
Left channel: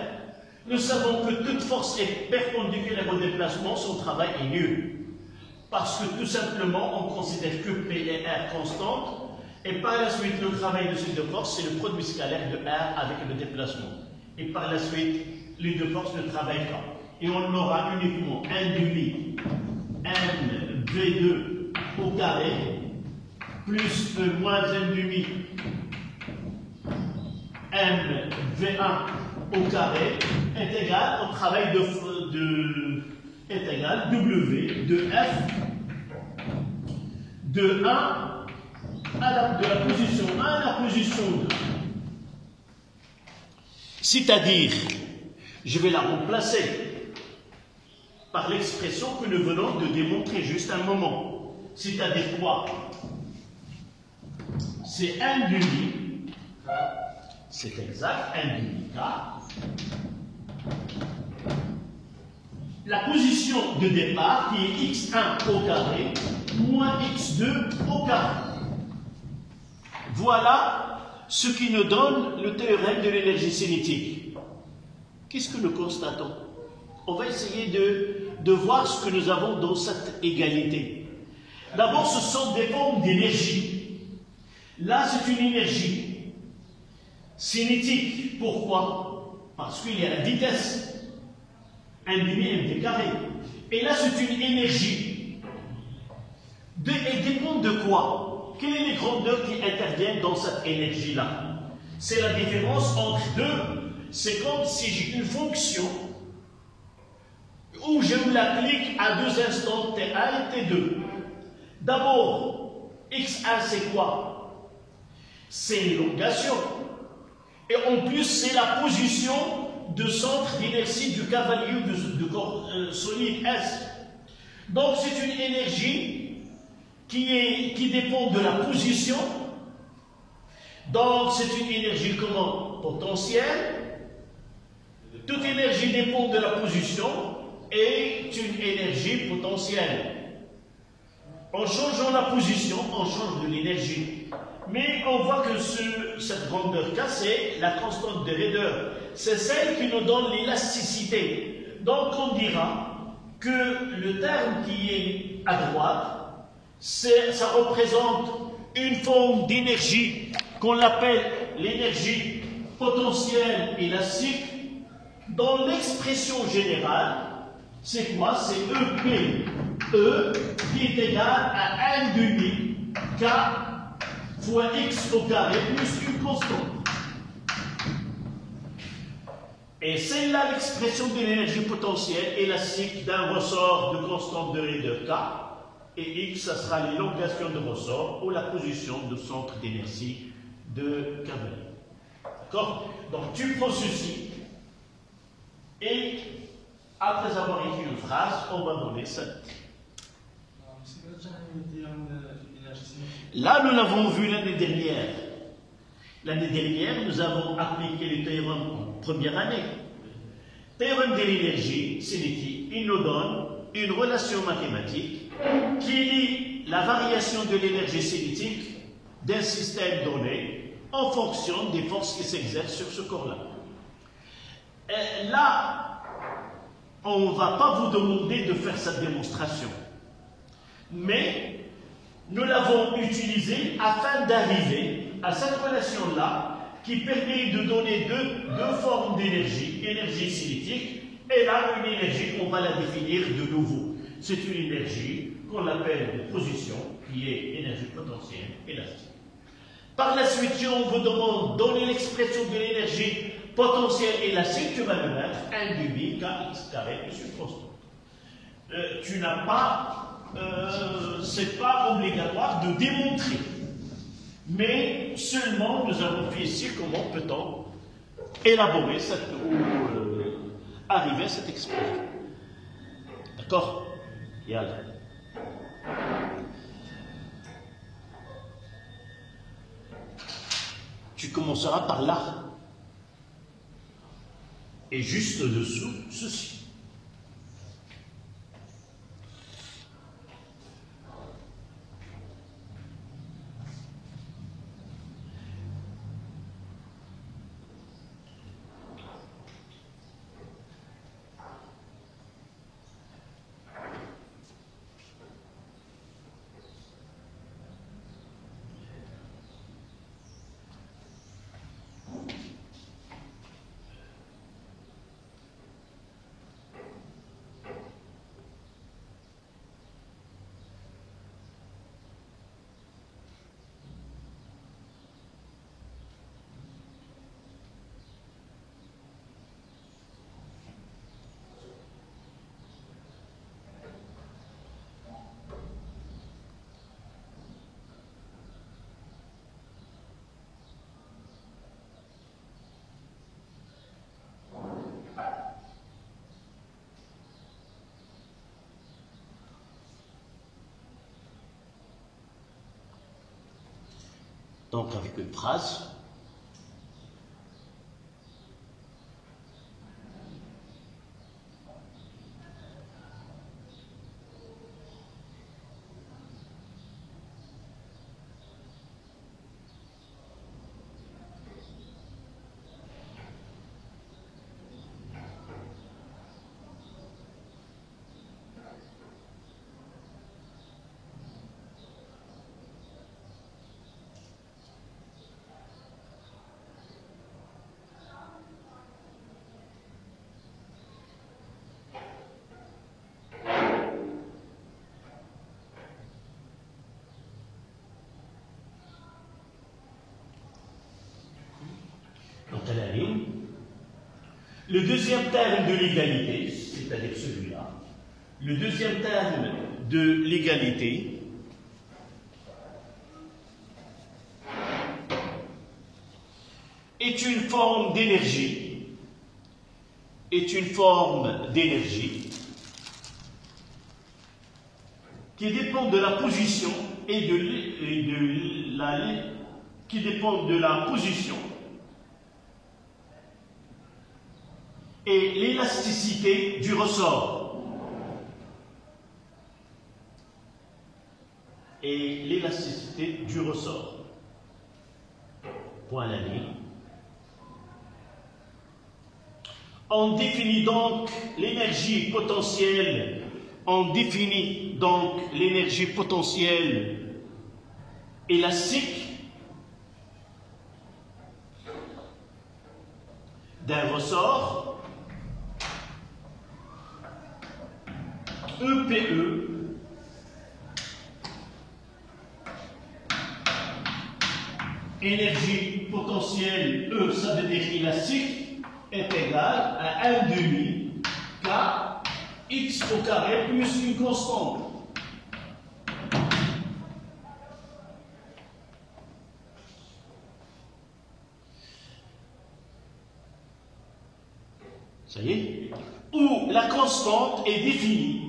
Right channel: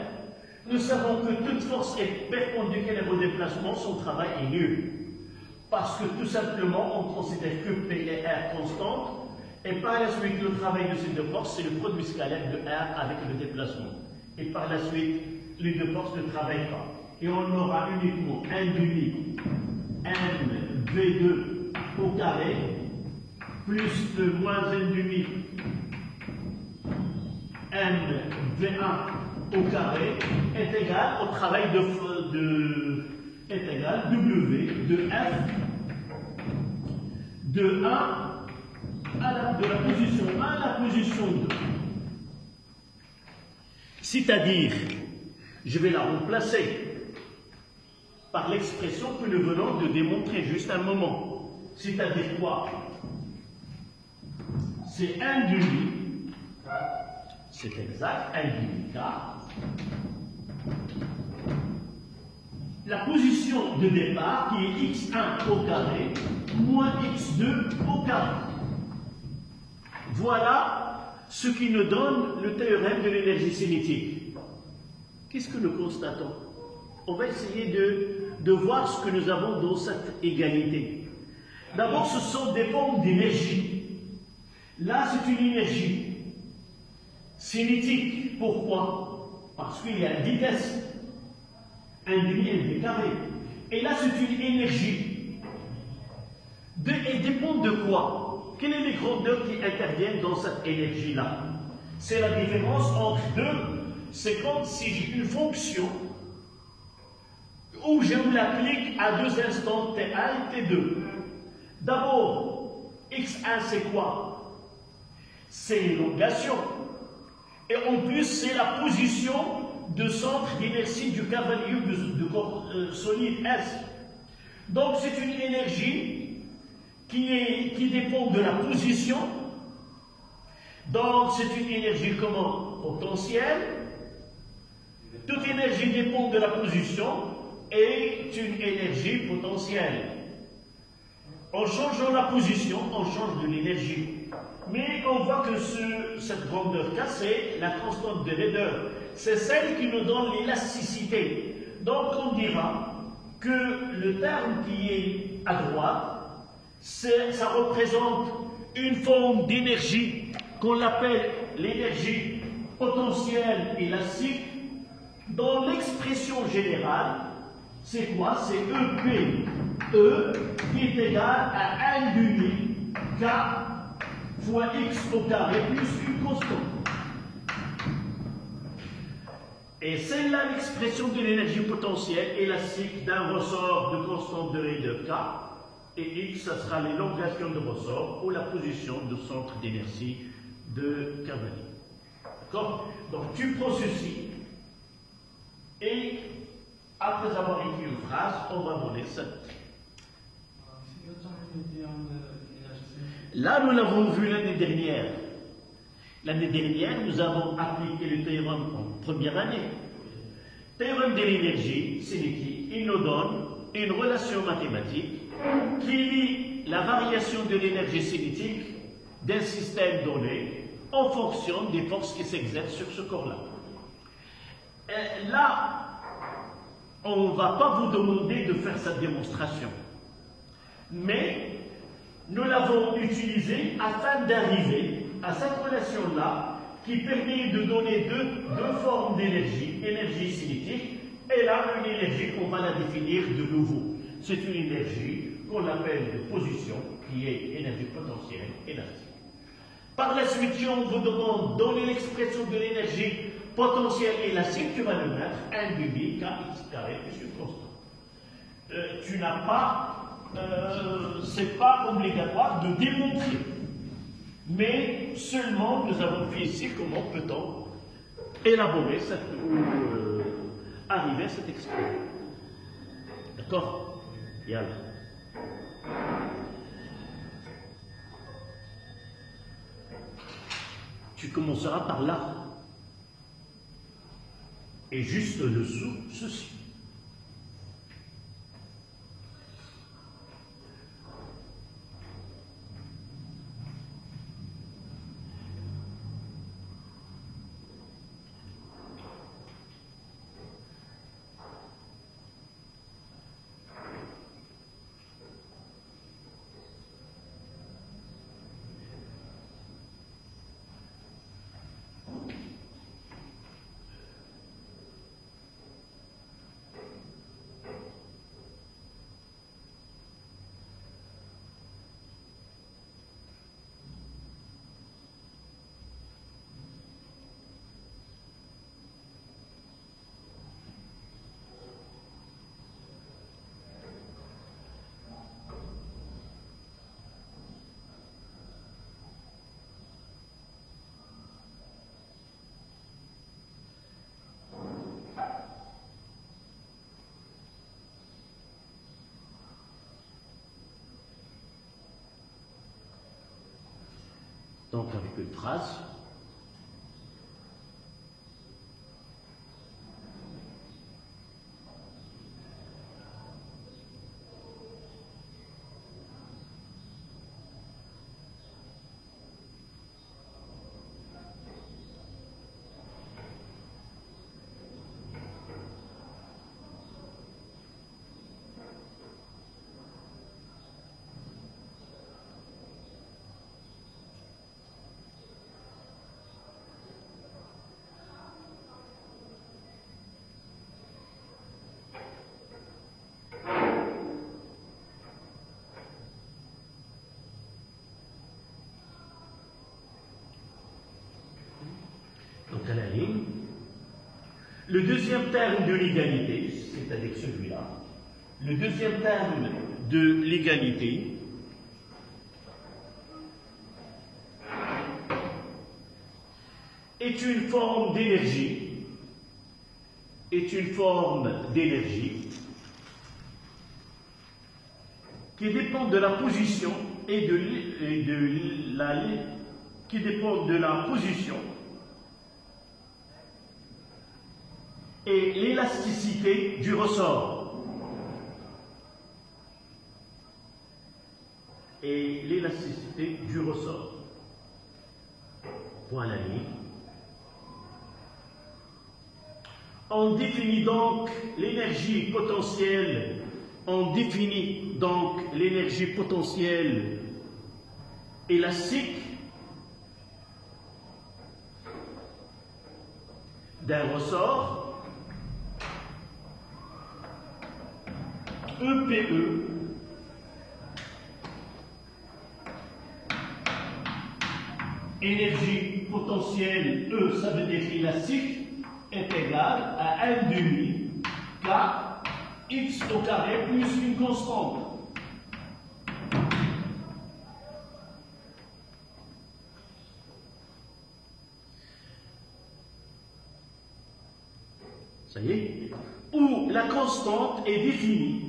Nous savons que toute force est perpendiculaire au déplacement, son travail est nul. Parce que tout simplement, on considère que P et R constantes, et par la suite, le travail de ces deux forces, c'est le produit scalaire de R avec le déplacement. Et par la suite, les deux forces ne travaillent pas. Et on aura uniquement un demi M V2 au carré plus moins 1 demi M V1 au carré est égal au travail est égal W de F de 1 de la position 1 à la position 2. C'est-à-dire, je vais la remplacer par l'expression que nous venons de démontrer juste un moment. C'est-à-dire quoi? C'est 1 demi, c'est exact, 1 demi K. La position de départ qui est x1 au carré moins x2 au carré. Voilà ce qui nous donne le théorème de l'énergie cinétique. Qu'est-ce que nous constatons? On va essayer de voir ce que nous avons dans cette égalité. D'abord, ce sont des formes d'énergie. Là, c'est une énergie cinétique. Pourquoi? Parce qu'il y a la vitesse. 1,5 mv carré. Et là, c'est une énergie. Elle dépend de quoi? Quelles sont les grandeurs qui interviennent dans cette énergie-là? C'est la différence entre deux. C'est comme si j'ai une fonction où je l'applique à deux instants T1 et T2. D'abord, x1 c'est quoi? C'est l'élongation. Et en plus, c'est la position de centre d'inertie du cavalier de corps solide S. Donc c'est une énergie qui dépend de la position. Donc c'est une énergie comment? Potentielle. Toute énergie dépend de la position et une énergie potentielle. En changeant la position, on change de l'énergie. Mais on voit que cette grandeur K, c'est la constante de raideur. C'est celle qui nous donne l'élasticité. Donc on dira que le terme qui est à droite, ça représente une forme d'énergie qu'on appelle l'énergie potentielle élastique. Dans l'expression générale, c'est quoi? C'est EP, E qui est égal à 1,5 K fois X au carré plus une constante. Et c'est là l'expression de l'énergie potentielle élastique d'un ressort de constante de raideur K. Et X, ça sera l'élongation de ressort ou la position de centre d'énergie de cavalier. D'accord? Donc tu prends ceci. Et après avoir écrit une phrase, on va donner ça. Là, nous l'avons vu l'année dernière. L'année dernière, nous avons appliqué le théorème en première année. Théorème de l'énergie, c'est l'équipe. Il nous donne une relation mathématique qui lie la variation de l'énergie cinétique d'un système donné en fonction des forces qui s'exercent sur ce corps-là. Là, on ne va pas vous demander de faire cette démonstration. Mais nous l'avons utilisée afin d'arriver à cette relation-là qui permet de donner deux formes d'énergie, énergie cinétique, et là, une énergie qu'on va la définir de nouveau. C'est une énergie qu'on appelle de position, qui est énergie potentielle élastique. Par la suite, si on vous demande de donner l'expression de l'énergie potentielle élastique, tu vas le mettre 1,5 kx carré plus une constante. Tu n'as pas, c'est pas obligatoire de démontrer. Mais seulement nous avons fait ici comment peut-on élaborer arriver à cette expression. D'accord? Yalla. Tu commenceras par là. Et juste dessous, ceci. Donc avec une phrase. Le deuxième terme de l'égalité, c'est-à-dire celui-là, le deuxième terme de l'égalité est une forme d'énergie, qui dépend de la position qui dépend de la position et l'élasticité du ressort. Point à la ligne. On définit donc l'énergie potentielle. Élastique d'un ressort EPE énergie potentielle E, ça veut dire élastique, est égal à 1/2 K x au carré plus une constante. Ça y est? Où la constante est définie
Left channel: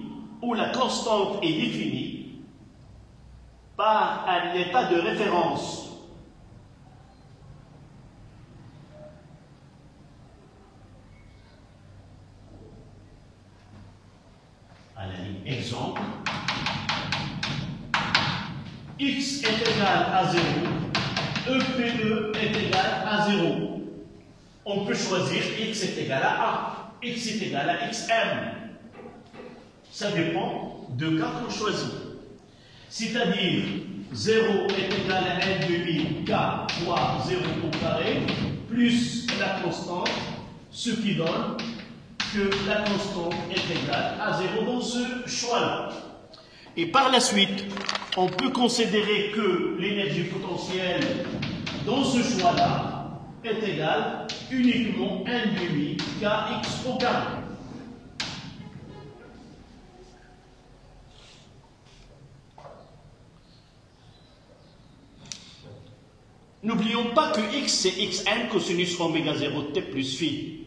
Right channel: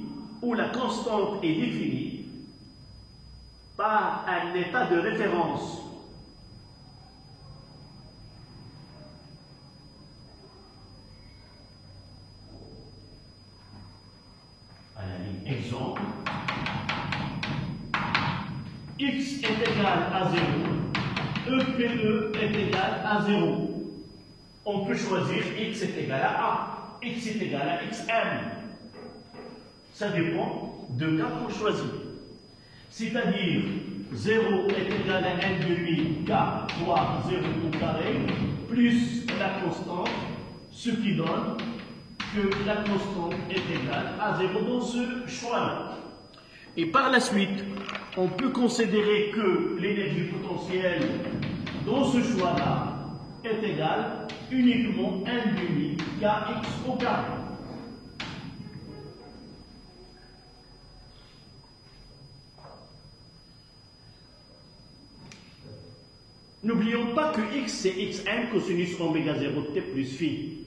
par un état de référence. À la ligne exemple, x est égal à 0, EPE est égal à 0. On peut choisir x est égal à 1, x est égal à xm. Ça dépend de cas qu'on choisit. C'est-à-dire 0 est égal à 1/2 K fois 0 au carré plus la constante, ce qui donne que la constante est égale à 0 dans ce choix-là. Et par la suite, on peut considérer que l'énergie potentielle dans ce choix-là est égale uniquement 1/2 Kx au carré. N'oublions pas que x c'est xn cosinus oméga 0 t plus phi.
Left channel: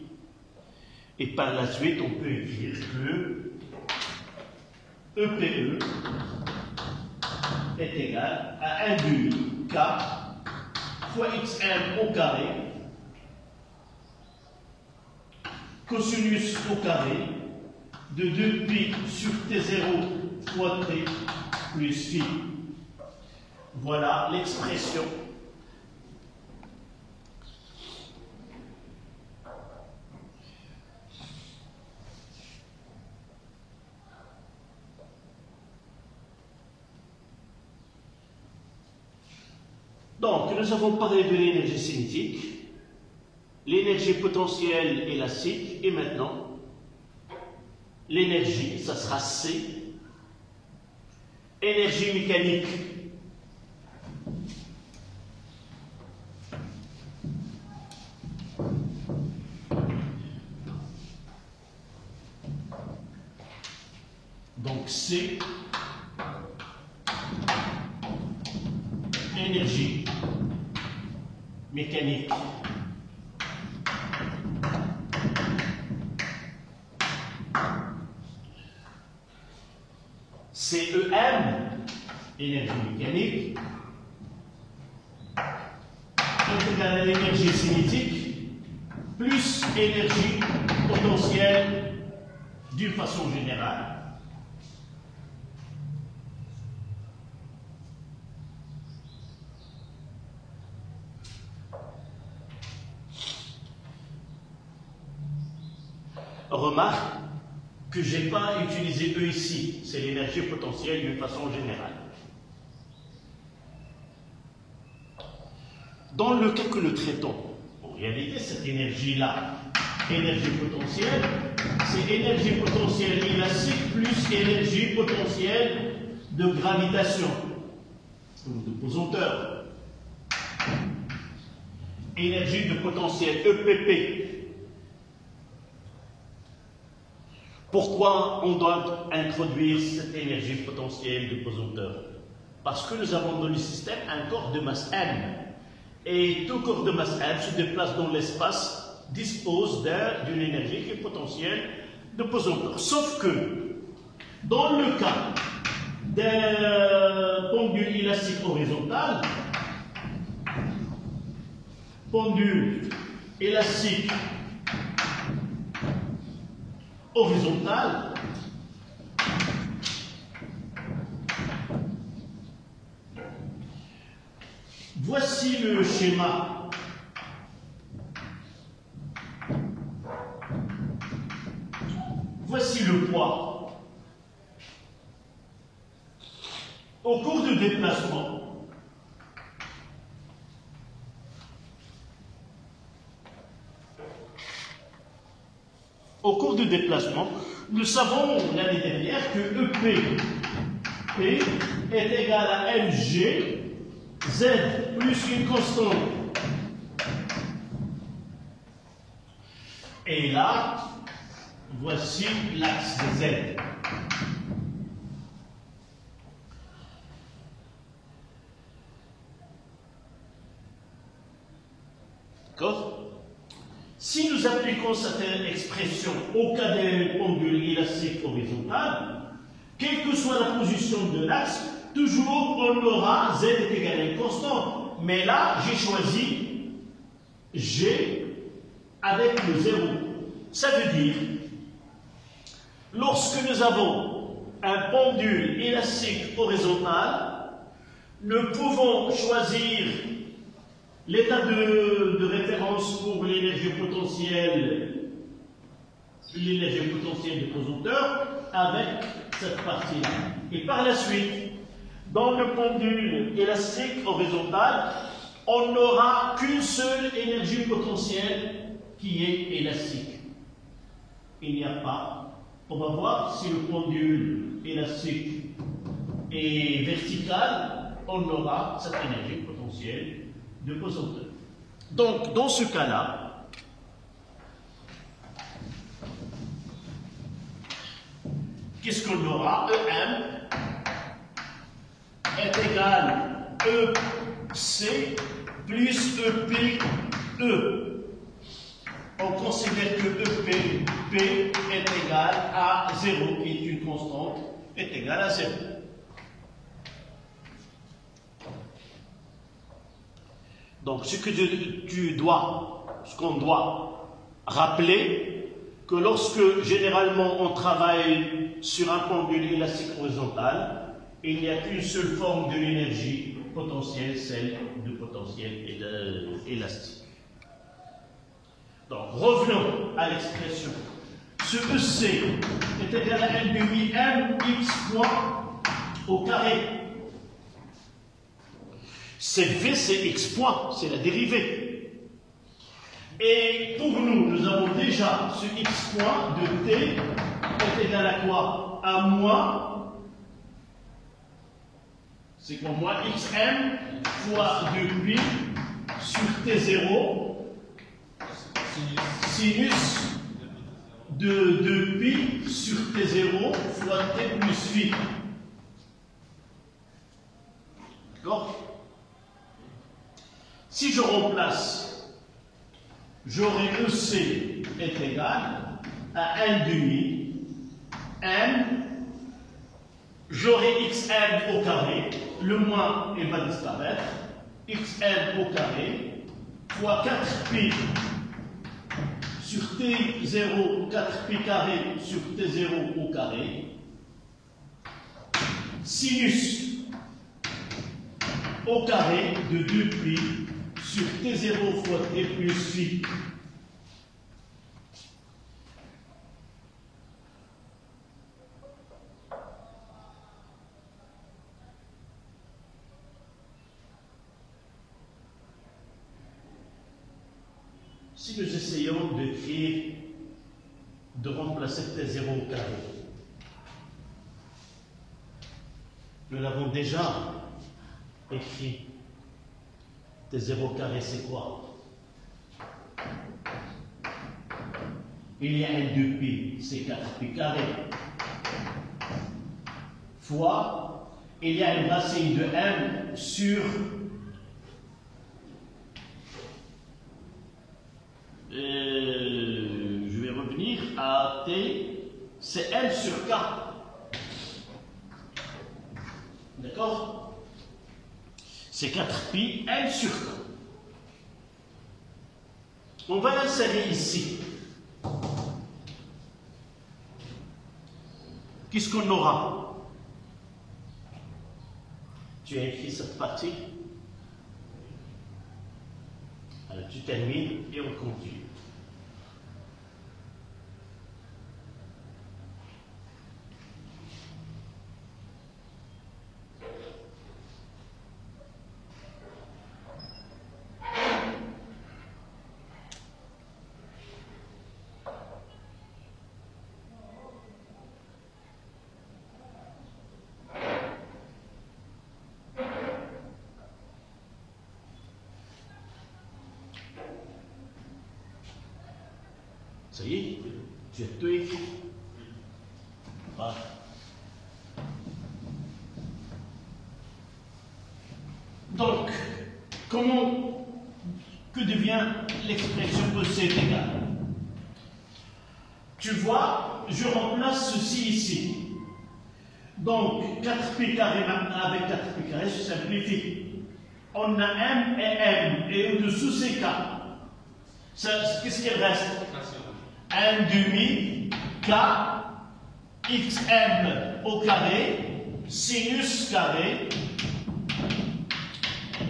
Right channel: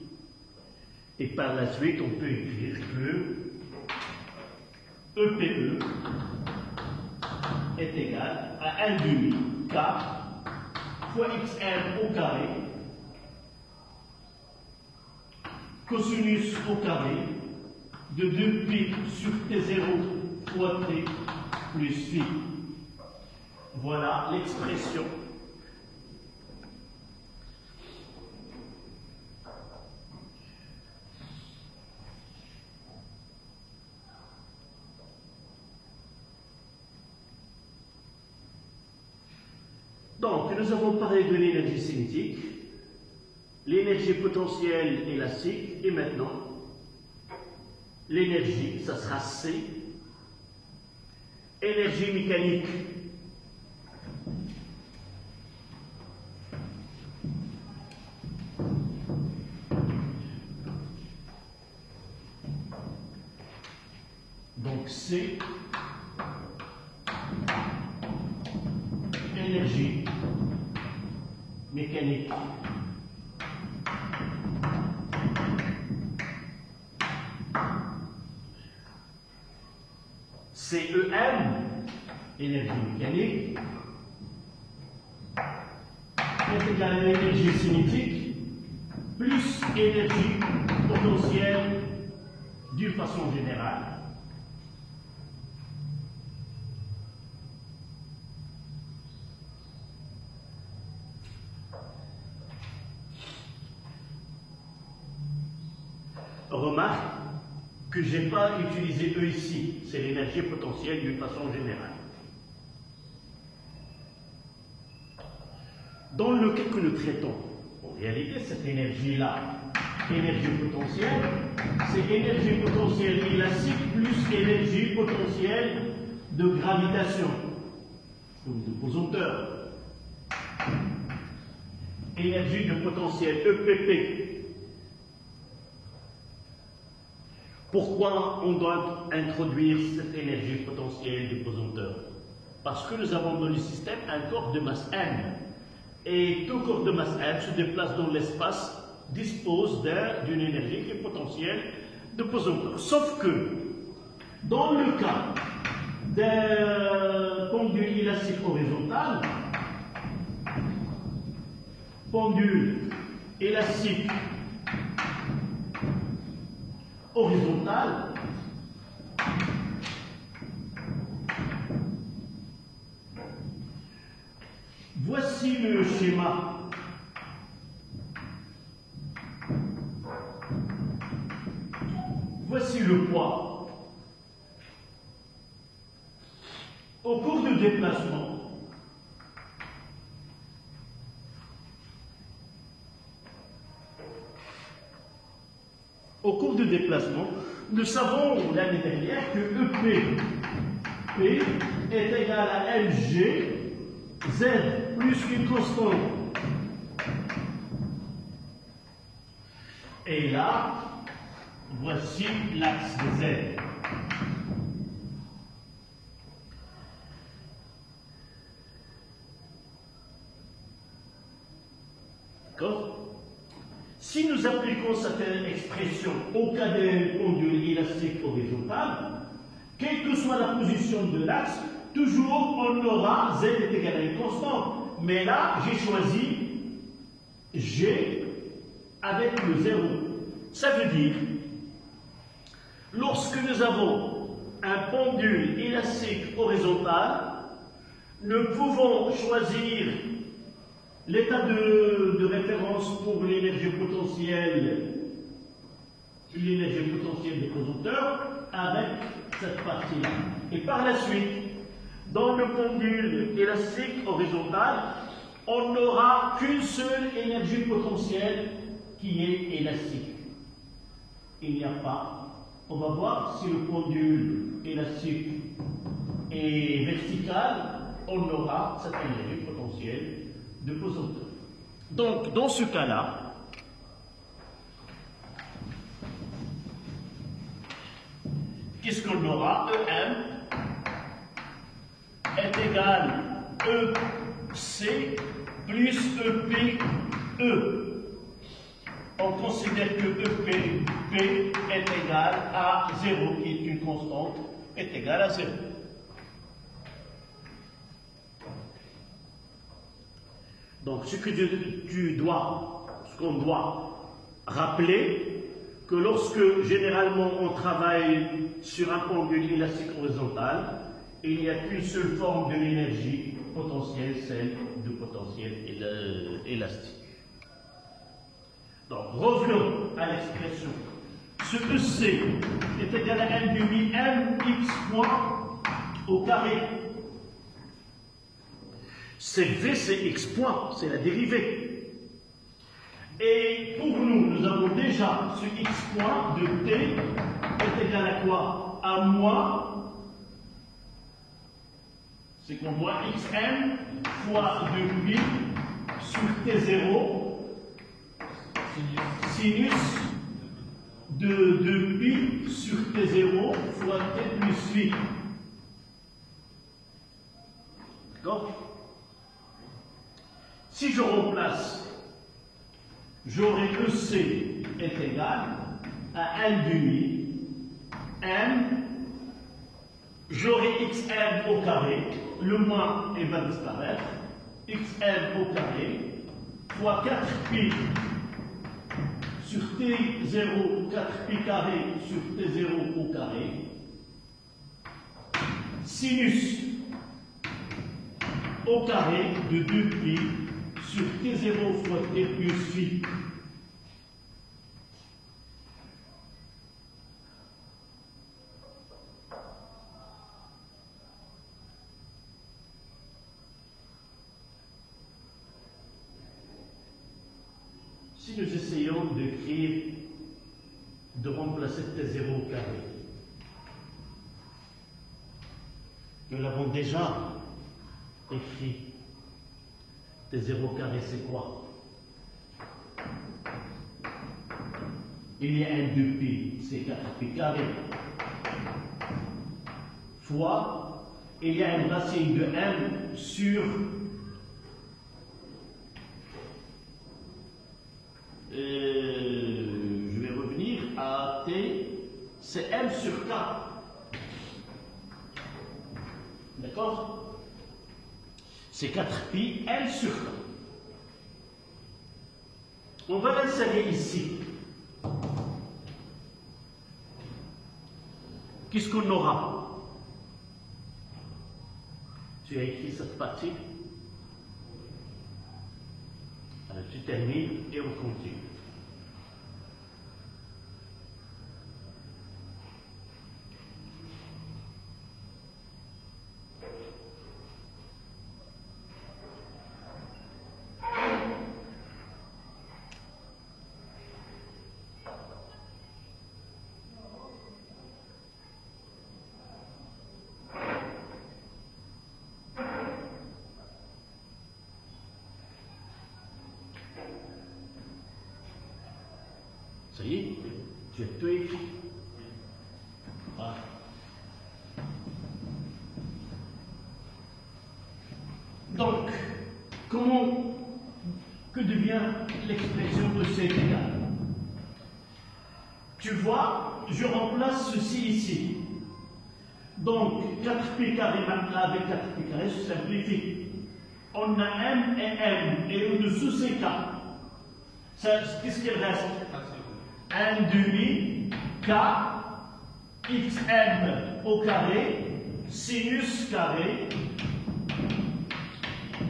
Et par la suite, on peut écrire que EPE est égal à 1/2 K fois xn au carré cosinus au carré de 2pi sur t0 fois t plus phi. Voilà l'expression. Donc, nous avons parlé de l'énergie cinétique, l'énergie potentielle élastique, et maintenant, l'énergie, ça sera C, énergie mécanique. Donc, C, énergie mécanique. CEM, énergie mécanique, est égal à l'énergie cinétique plus énergie potentielle d'une façon générale. Remarque que je n'ai pas utilisé E ici, c'est l'énergie potentielle d'une façon générale. Dans le cas que nous traitons, en réalité, cette énergie-là, énergie potentielle, c'est énergie potentielle élastique plus énergie potentielle de gravitation, ou de pesanteur. Énergie de potentiel EPP Pourquoi on doit introduire cette énergie potentielle du pesanteur? Parce que nous avons dans le système un corps de masse M. Et tout corps de masse M se déplace dans l'espace, dispose d'une énergie qui est potentielle de pesanteur. Sauf que, dans le cas d'un pendule élastique horizontal, pendule élastique horizontal, voici le schéma. Voici le poids. Au cours du déplacement, nous savons l'année dernière que EP P est égal à mg Z plus une constante. Et là, voici l'axe de Z. D'accord? Si nous appliquons cette expression au cas d'un pendule élastique horizontal, quelle que soit la position de l'axe, toujours on aura Z est égal à une constante. Mais là, j'ai choisi G avec le 0. Ça veut dire, lorsque nous avons un pendule élastique horizontal, nous pouvons choisir l'état de référence pour l'énergie potentielle de pesanteur avec cette partie-là. Et par la suite, dans le pendule élastique horizontal, on n'aura qu'une seule énergie potentielle qui est élastique. Il n'y a pas. On va voir si le pendule élastique est vertical, on aura cette énergie potentielle de pesanteur. Donc, dans ce cas-là, qu'est-ce qu'on aura? EM est égal à EC plus EP E. On considère que EP P est égal à 0, qui est une constante, est égal à 0. Donc, ce qu'on doit rappeler, que lorsque généralement on travaille sur un pendule élastique horizontal, il n'y a qu'une seule forme de l'énergie potentielle, celle du potentiel élastique. Donc, revenons à l'expression. Ce EC est égal à N demi M x point au carré. C'est V, c'est x point, c'est la dérivée. Et pour nous, nous avons déjà ce x point de t est égal à quoi? À moins, c'est quoi moins xm fois 2pi sur t0 sinus de 2pi sur t0 fois t plus phi. D'accord? Si je remplace, j'aurai EC est égal à N demi M, j'aurai XN au carré, le moins il va disparaître, XN au carré, fois 4pi sur T0, 4pi carré sur T0 au carré, sinus au carré de 2pi sur T0 fois T plus phi. Si nous essayons de remplacer T0 au carré, nous l'avons déjà écrit. T0 carré, c'est quoi? il y a un 2π, c'est 4π carré, fois, il y a une racine de m sur je vais revenir à t, c'est m sur k. D'accord? C'est 4π m sur k. On va l'insérer ici. Qu'est-ce qu'on aura? Tu as écrit cette partie? Alors tu termines et on continue. Ça y est, tu as tout écrit. Voilà. Donc, que devient l'expression E C est égal? Tu vois, je remplace ceci ici. Donc, 4π carré maintenant avec 4π carré se simplifie. On a m et m, et au-dessous c'est k. Qu'est-ce qu'il reste? 1 demi k xm au carré sinus carré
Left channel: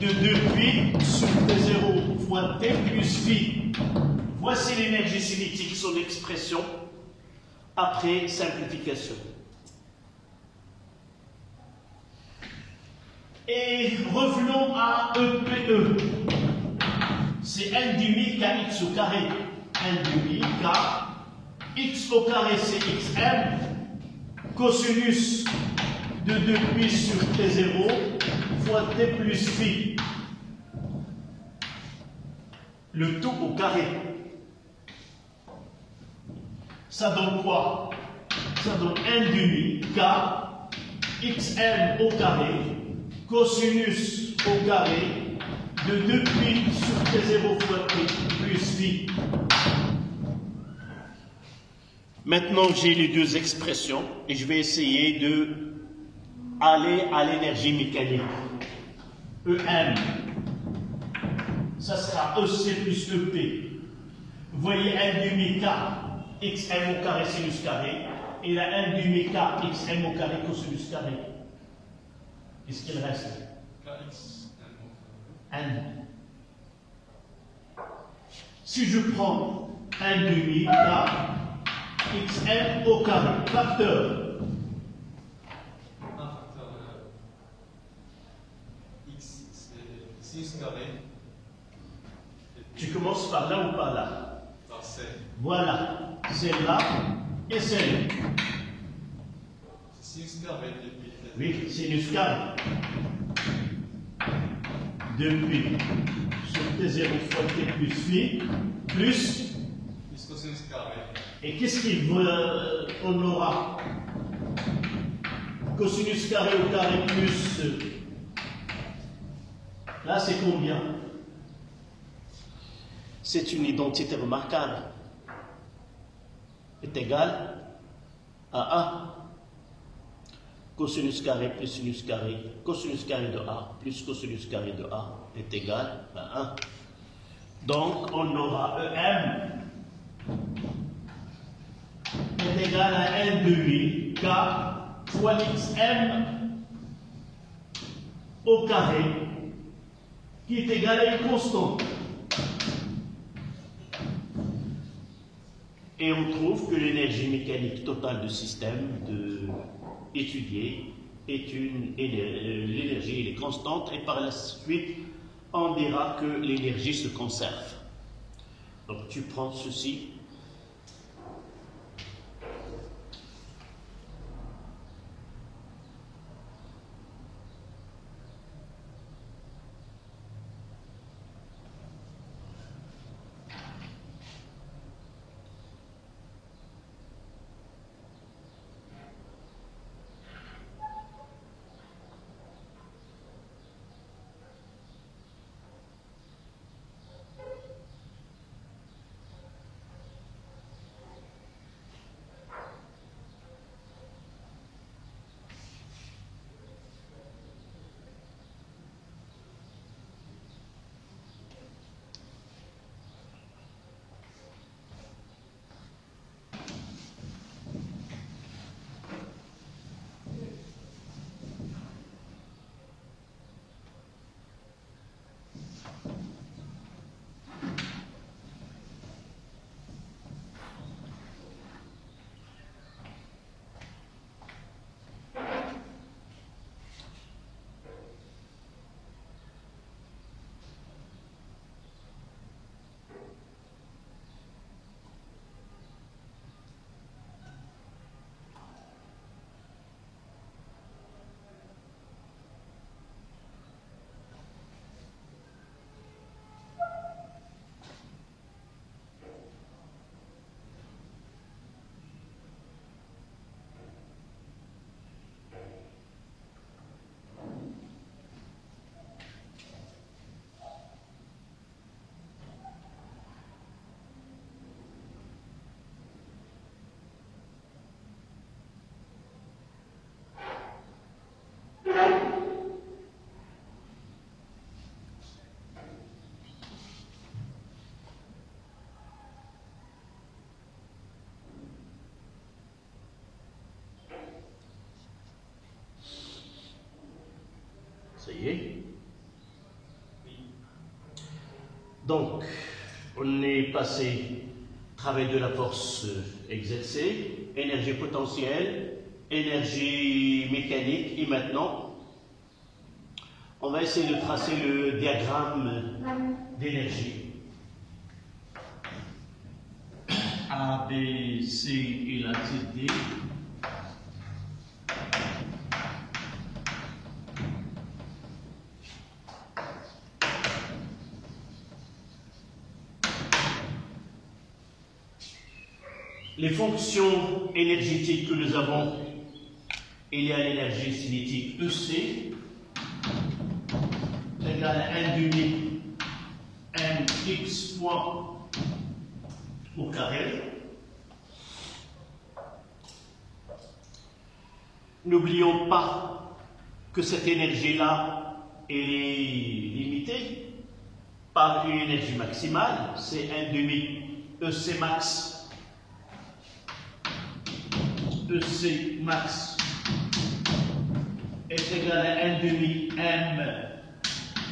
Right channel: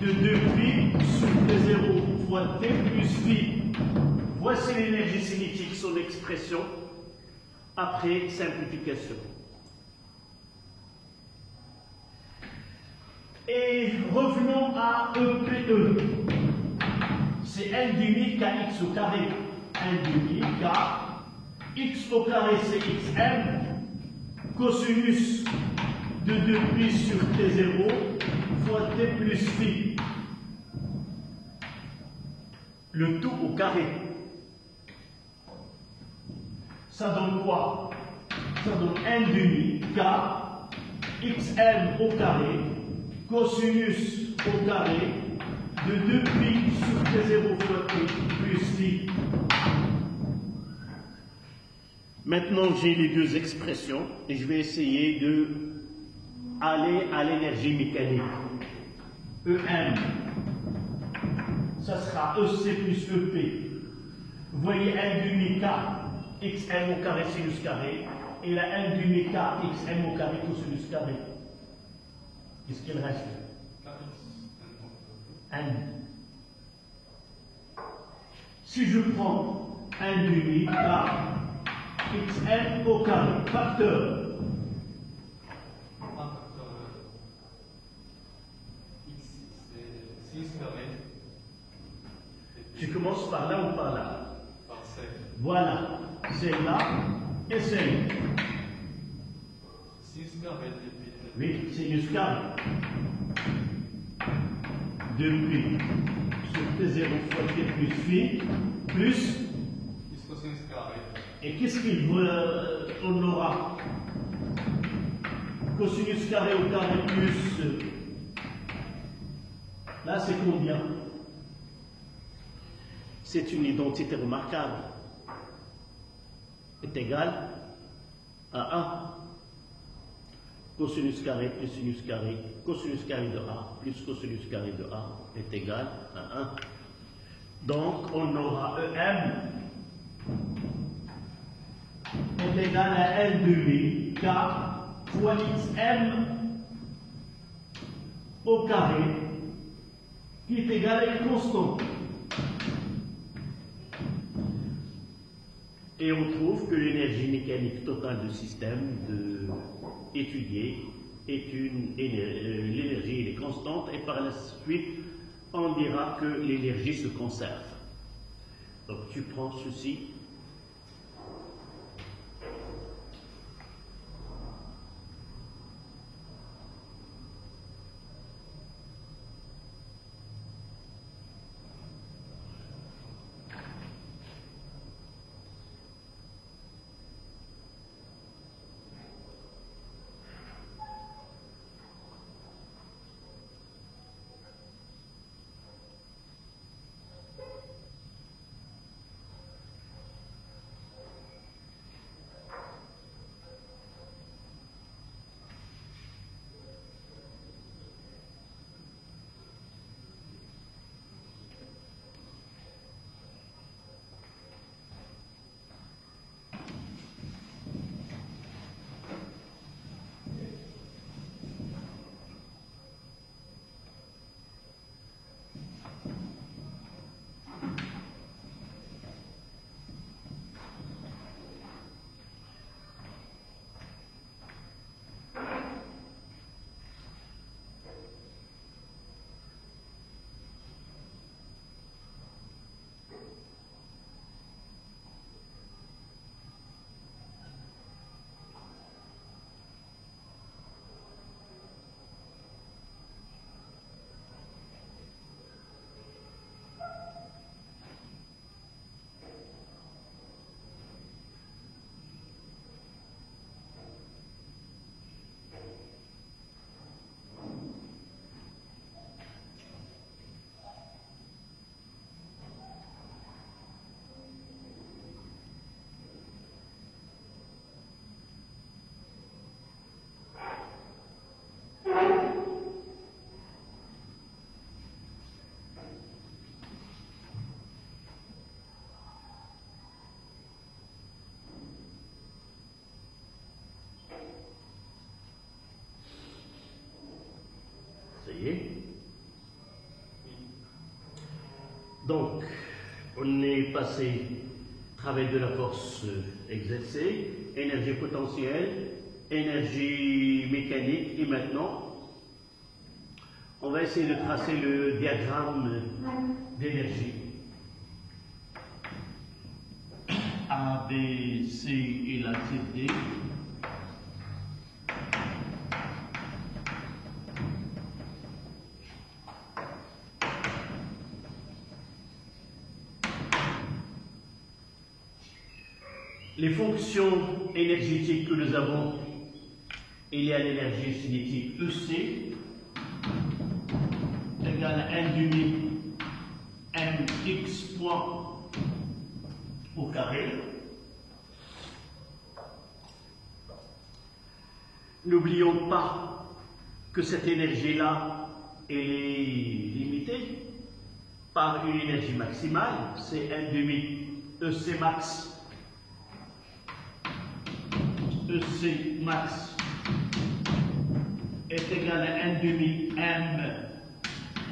de 2π sur t0 fois t plus phi. Voici l'énergie cinétique, son expression après simplification. Et revenons à EPE. C'est 1 demi kx au carré. 1 demi k x au carré c'est xm cosinus de 2π sur t0 fois t plus phi. Le tout au carré. Ça donne quoi? Ça donne 1 demi k xm au carré cosinus au carré de 2π sur t0 fois t plus phi. Maintenant, j'ai les deux expressions et je vais essayer de aller à l'énergie mécanique. EM, ça sera EC plus EP. Vous voyez 1 demi K xm au carré sinus carré et la 1 demi K xm au carré cosinus carré. Qu'est-ce qu'il reste? N. Si je prends 1 demi K xm au carré, facteur. X, c'est sinus carré. Tu commences par là ou par là? Par C. Voilà, celle-là et celle-là. Sinus carré depuis. Oui, sinus carré. Depuis sur T0 fois T plus phi, plus. Cosinus carré. Et qu'est-ce qu'on aura? Cosinus carré au carré plus. Là, c'est combien? C'est une identité remarquable. Est égal à 1. Cosinus carré plus sinus carré, cosinus carré de A plus cosinus carré de A est égal à 1. Donc, on aura EM est égal à 1 demi K fois XM au carré qui est égal à une constante. Et on trouve que l'énergie mécanique totale du système étudié est l'énergie est constante et par la suite on dira que l'énergie se conserve. Donc tu prends ceci. Donc, on est passé travail de la force exercée, énergie potentielle, énergie mécanique, et maintenant, on va essayer de tracer le diagramme d'énergie. A, B, C et la titre D. Les fonctions énergétiques que nous avons, il y a l'énergie cinétique EC égale à 1 demi mx point au carré. N'oublions pas que cette énergie-là est limitée par une énergie maximale, c'est 1 demi EC max. EC max est égal à 1 demi m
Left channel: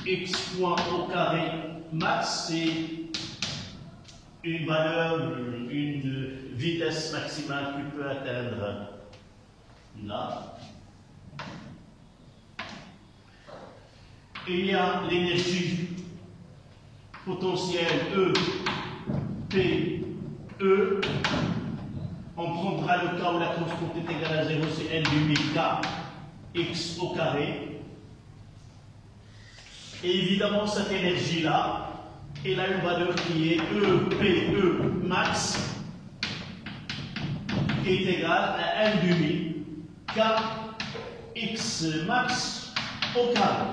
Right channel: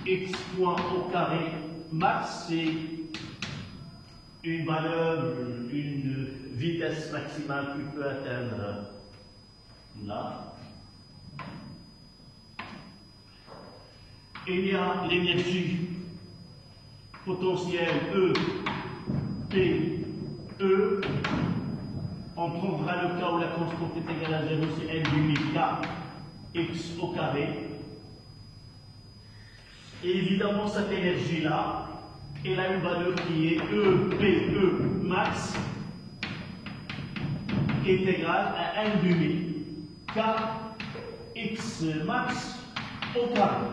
x point au carré max, c'est une valeur, une vitesse maximale qui peut atteindre là. Et il y a l'énergie potentielle E, P, E. On prendra le cas où la constante est égale à 0, c'est n demi k x au carré. Et évidemment, cette énergie-là, elle a une valeur qui est EPE max, qui est égale à n demi k x max au carré.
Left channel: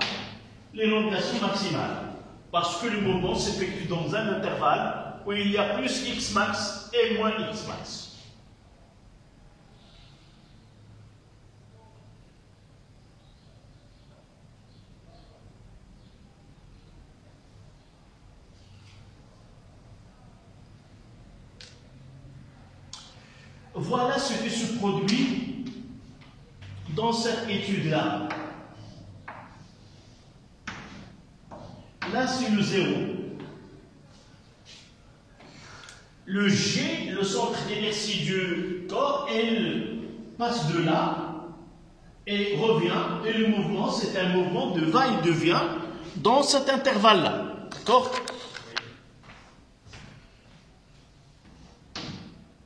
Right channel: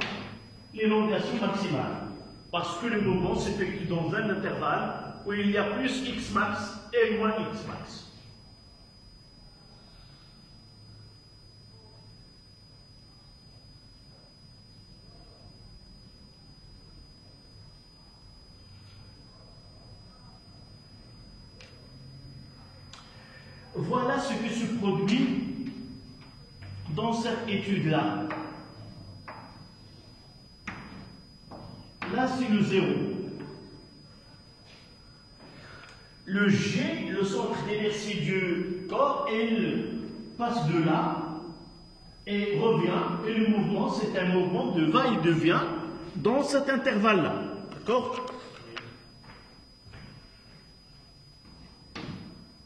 L'élongation maximale. Parce que le mouvement s'effectue dans un intervalle où il y a plus x max et moins x max. Voilà ce qui se produit dans cette étude-là. Là, c'est le 0. Le G, le centre d'inertie du corps, il passe de là et revient. Et le mouvement, c'est un mouvement de va-et-vient dans cet intervalle-là. D'accord ?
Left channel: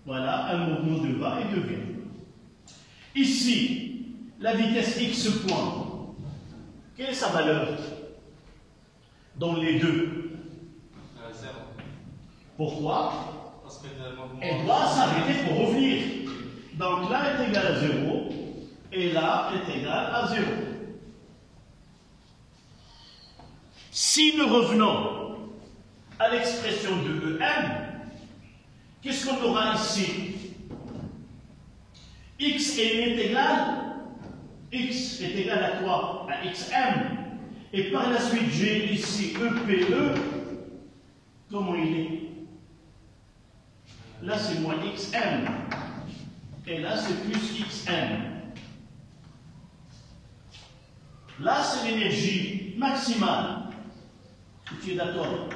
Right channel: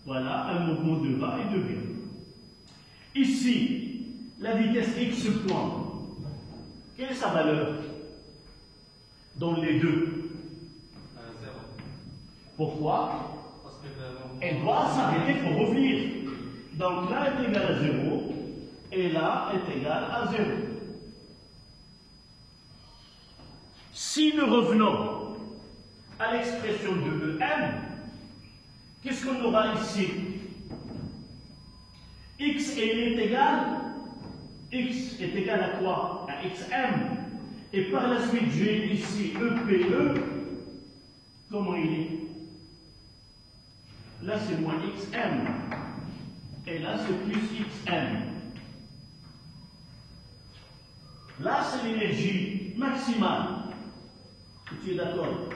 Voilà, un mouvement de va et de vient. Ici, la vitesse x point, quelle est sa valeur dans les deux? 0. Pourquoi? Parce que le mouvement... Elle doit s'arrêter pour revenir. Donc là est égal à 0 et là est égal à 0. Si nous revenons à l'expression de EM, qu'est-ce qu'on aura ici? X est égal à quoi? À XM. Et par la suite, j'ai ici EPE. Comment il est? Là, c'est moins XM. Et là, c'est plus XM. Là, c'est l'énergie maximale. Tu es d'accord?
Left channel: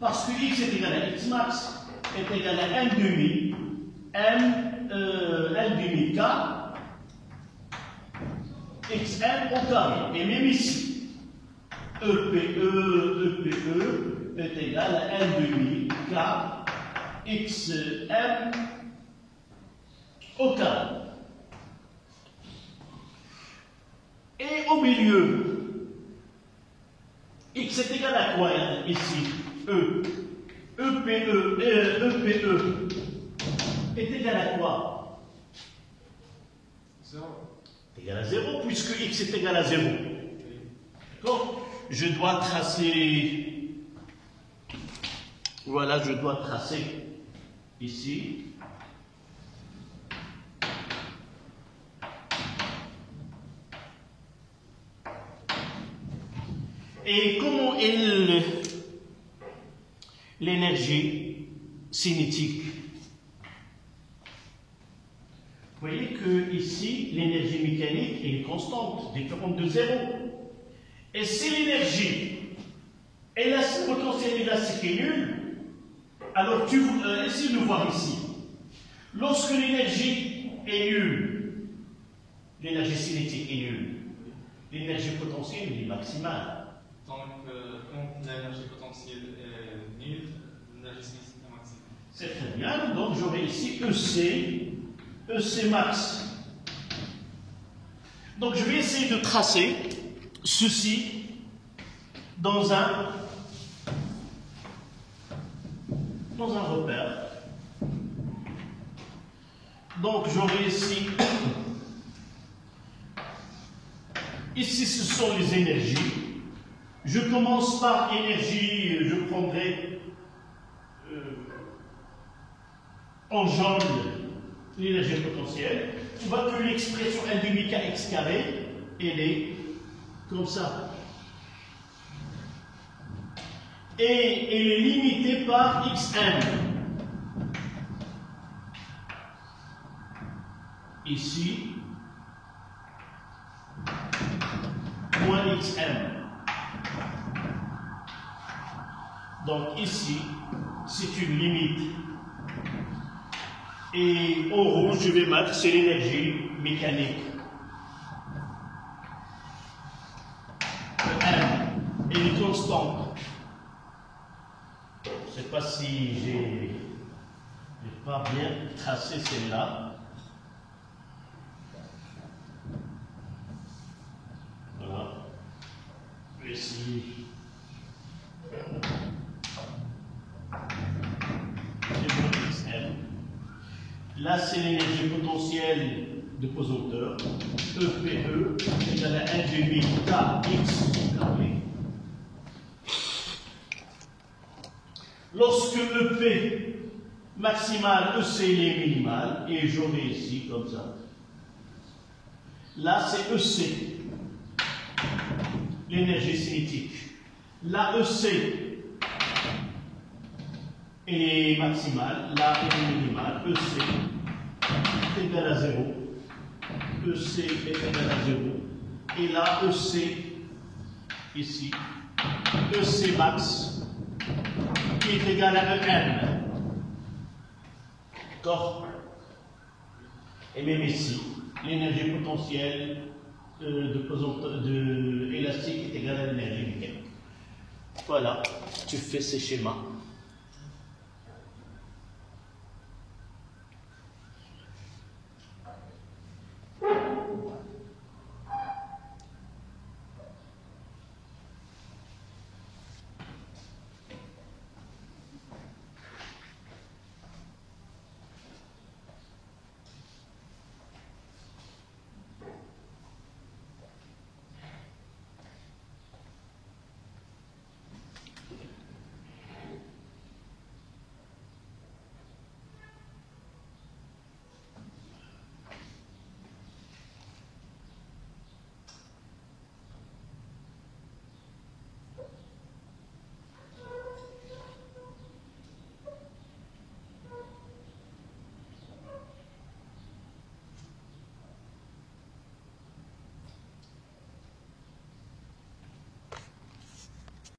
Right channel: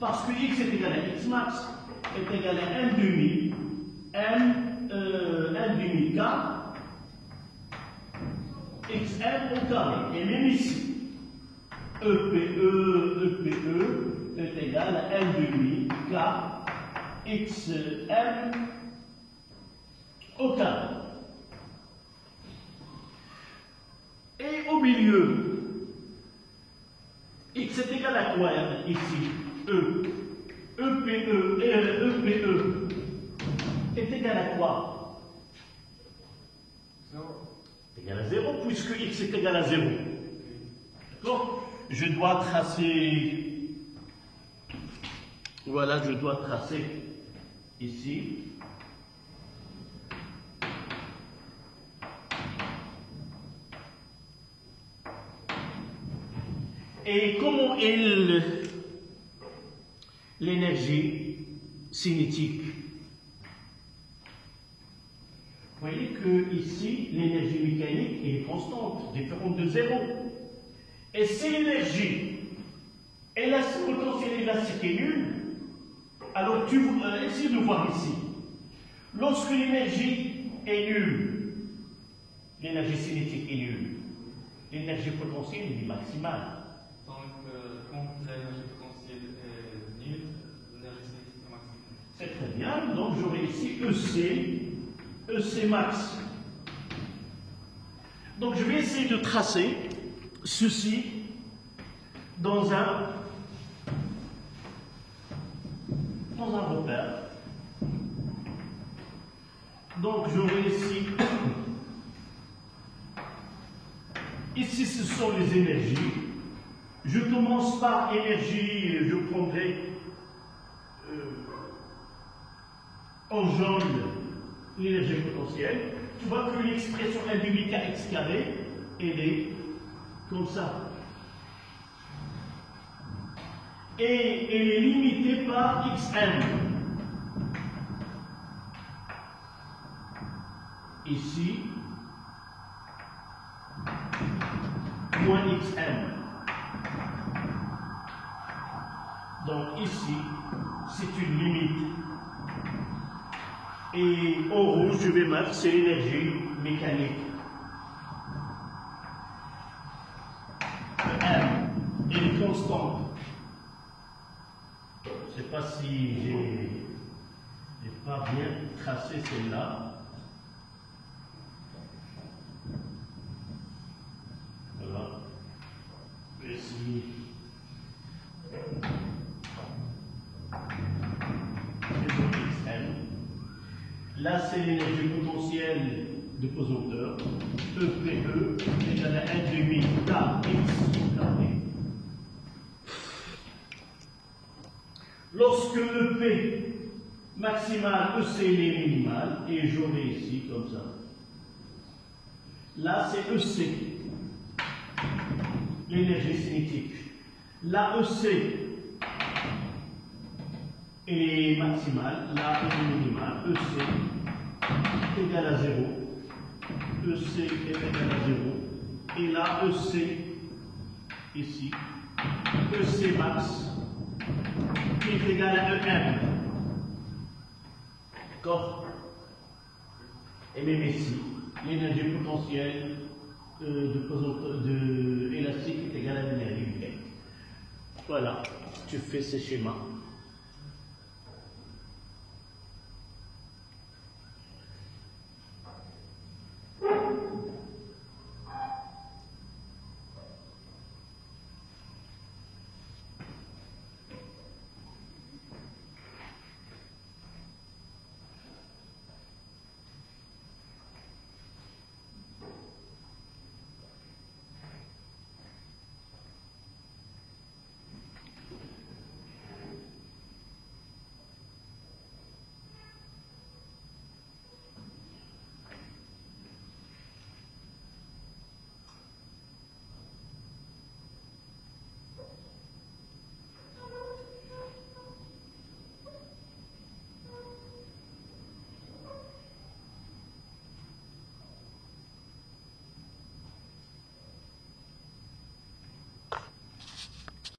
Parce que X est égal à X max est égal à 1 demi k xm au carré. Et même ici, EPE est égal à 1 demi k xm au carré. Et au milieu, x est égal à quoi ici? EPE est égal à quoi? 0. Est égal à 0, puisque x est égal à 0. D'accord? Je dois tracer. Voilà, je dois tracer ici. Et comment est l'énergie cinétique? Vous voyez que ici, l'énergie mécanique est constante, différente de 0. Et si l'énergie Et là, si le potentiel élastique est nul, alors essayez de voir ici. Lorsque l'énergie est nulle, l'énergie cinétique est nulle, l'énergie potentielle est maximale. Donc, quand l'énergie potentielle est nulle, l'énergie cinétique est maximale. C'est très bien. Donc, j'aurai ici EC max. Donc, je vais essayer de tracer ceci dans un repère. Donc, j'aurai ici, ce sont les énergies. Je commence par énergie, je prendrai en jaune l'énergie potentielle. Tu vois que l'expression L demi kx carré, elle est comme ça. Et elle est limitée par xm. Ici, moins xm. Donc ici, c'est une limite. Et en rouge, je vais mettre, c'est l'énergie mécanique. M, elle est constante. Je ne sais pas si j'ai pas bien tracé celle-là. Voilà. Je vais essayer. Là, c'est l'énergie potentielle de pesanteur. EPE égale à 1,5 kx carré. Lorsque EP maximal, EC est minimal, et j'aurai ici comme ça. Là, c'est EC, l'énergie cinétique. Là, EC est maximale, là, est minimale. EC est égal à 0. EC est égal à 0. Et là, EC, ici, EC max, qui est égal à EM. D'accord? Et même ici, l'énergie potentielle de élastique est égale à l'énergie mécanique. Voilà, tu fais ces schémas.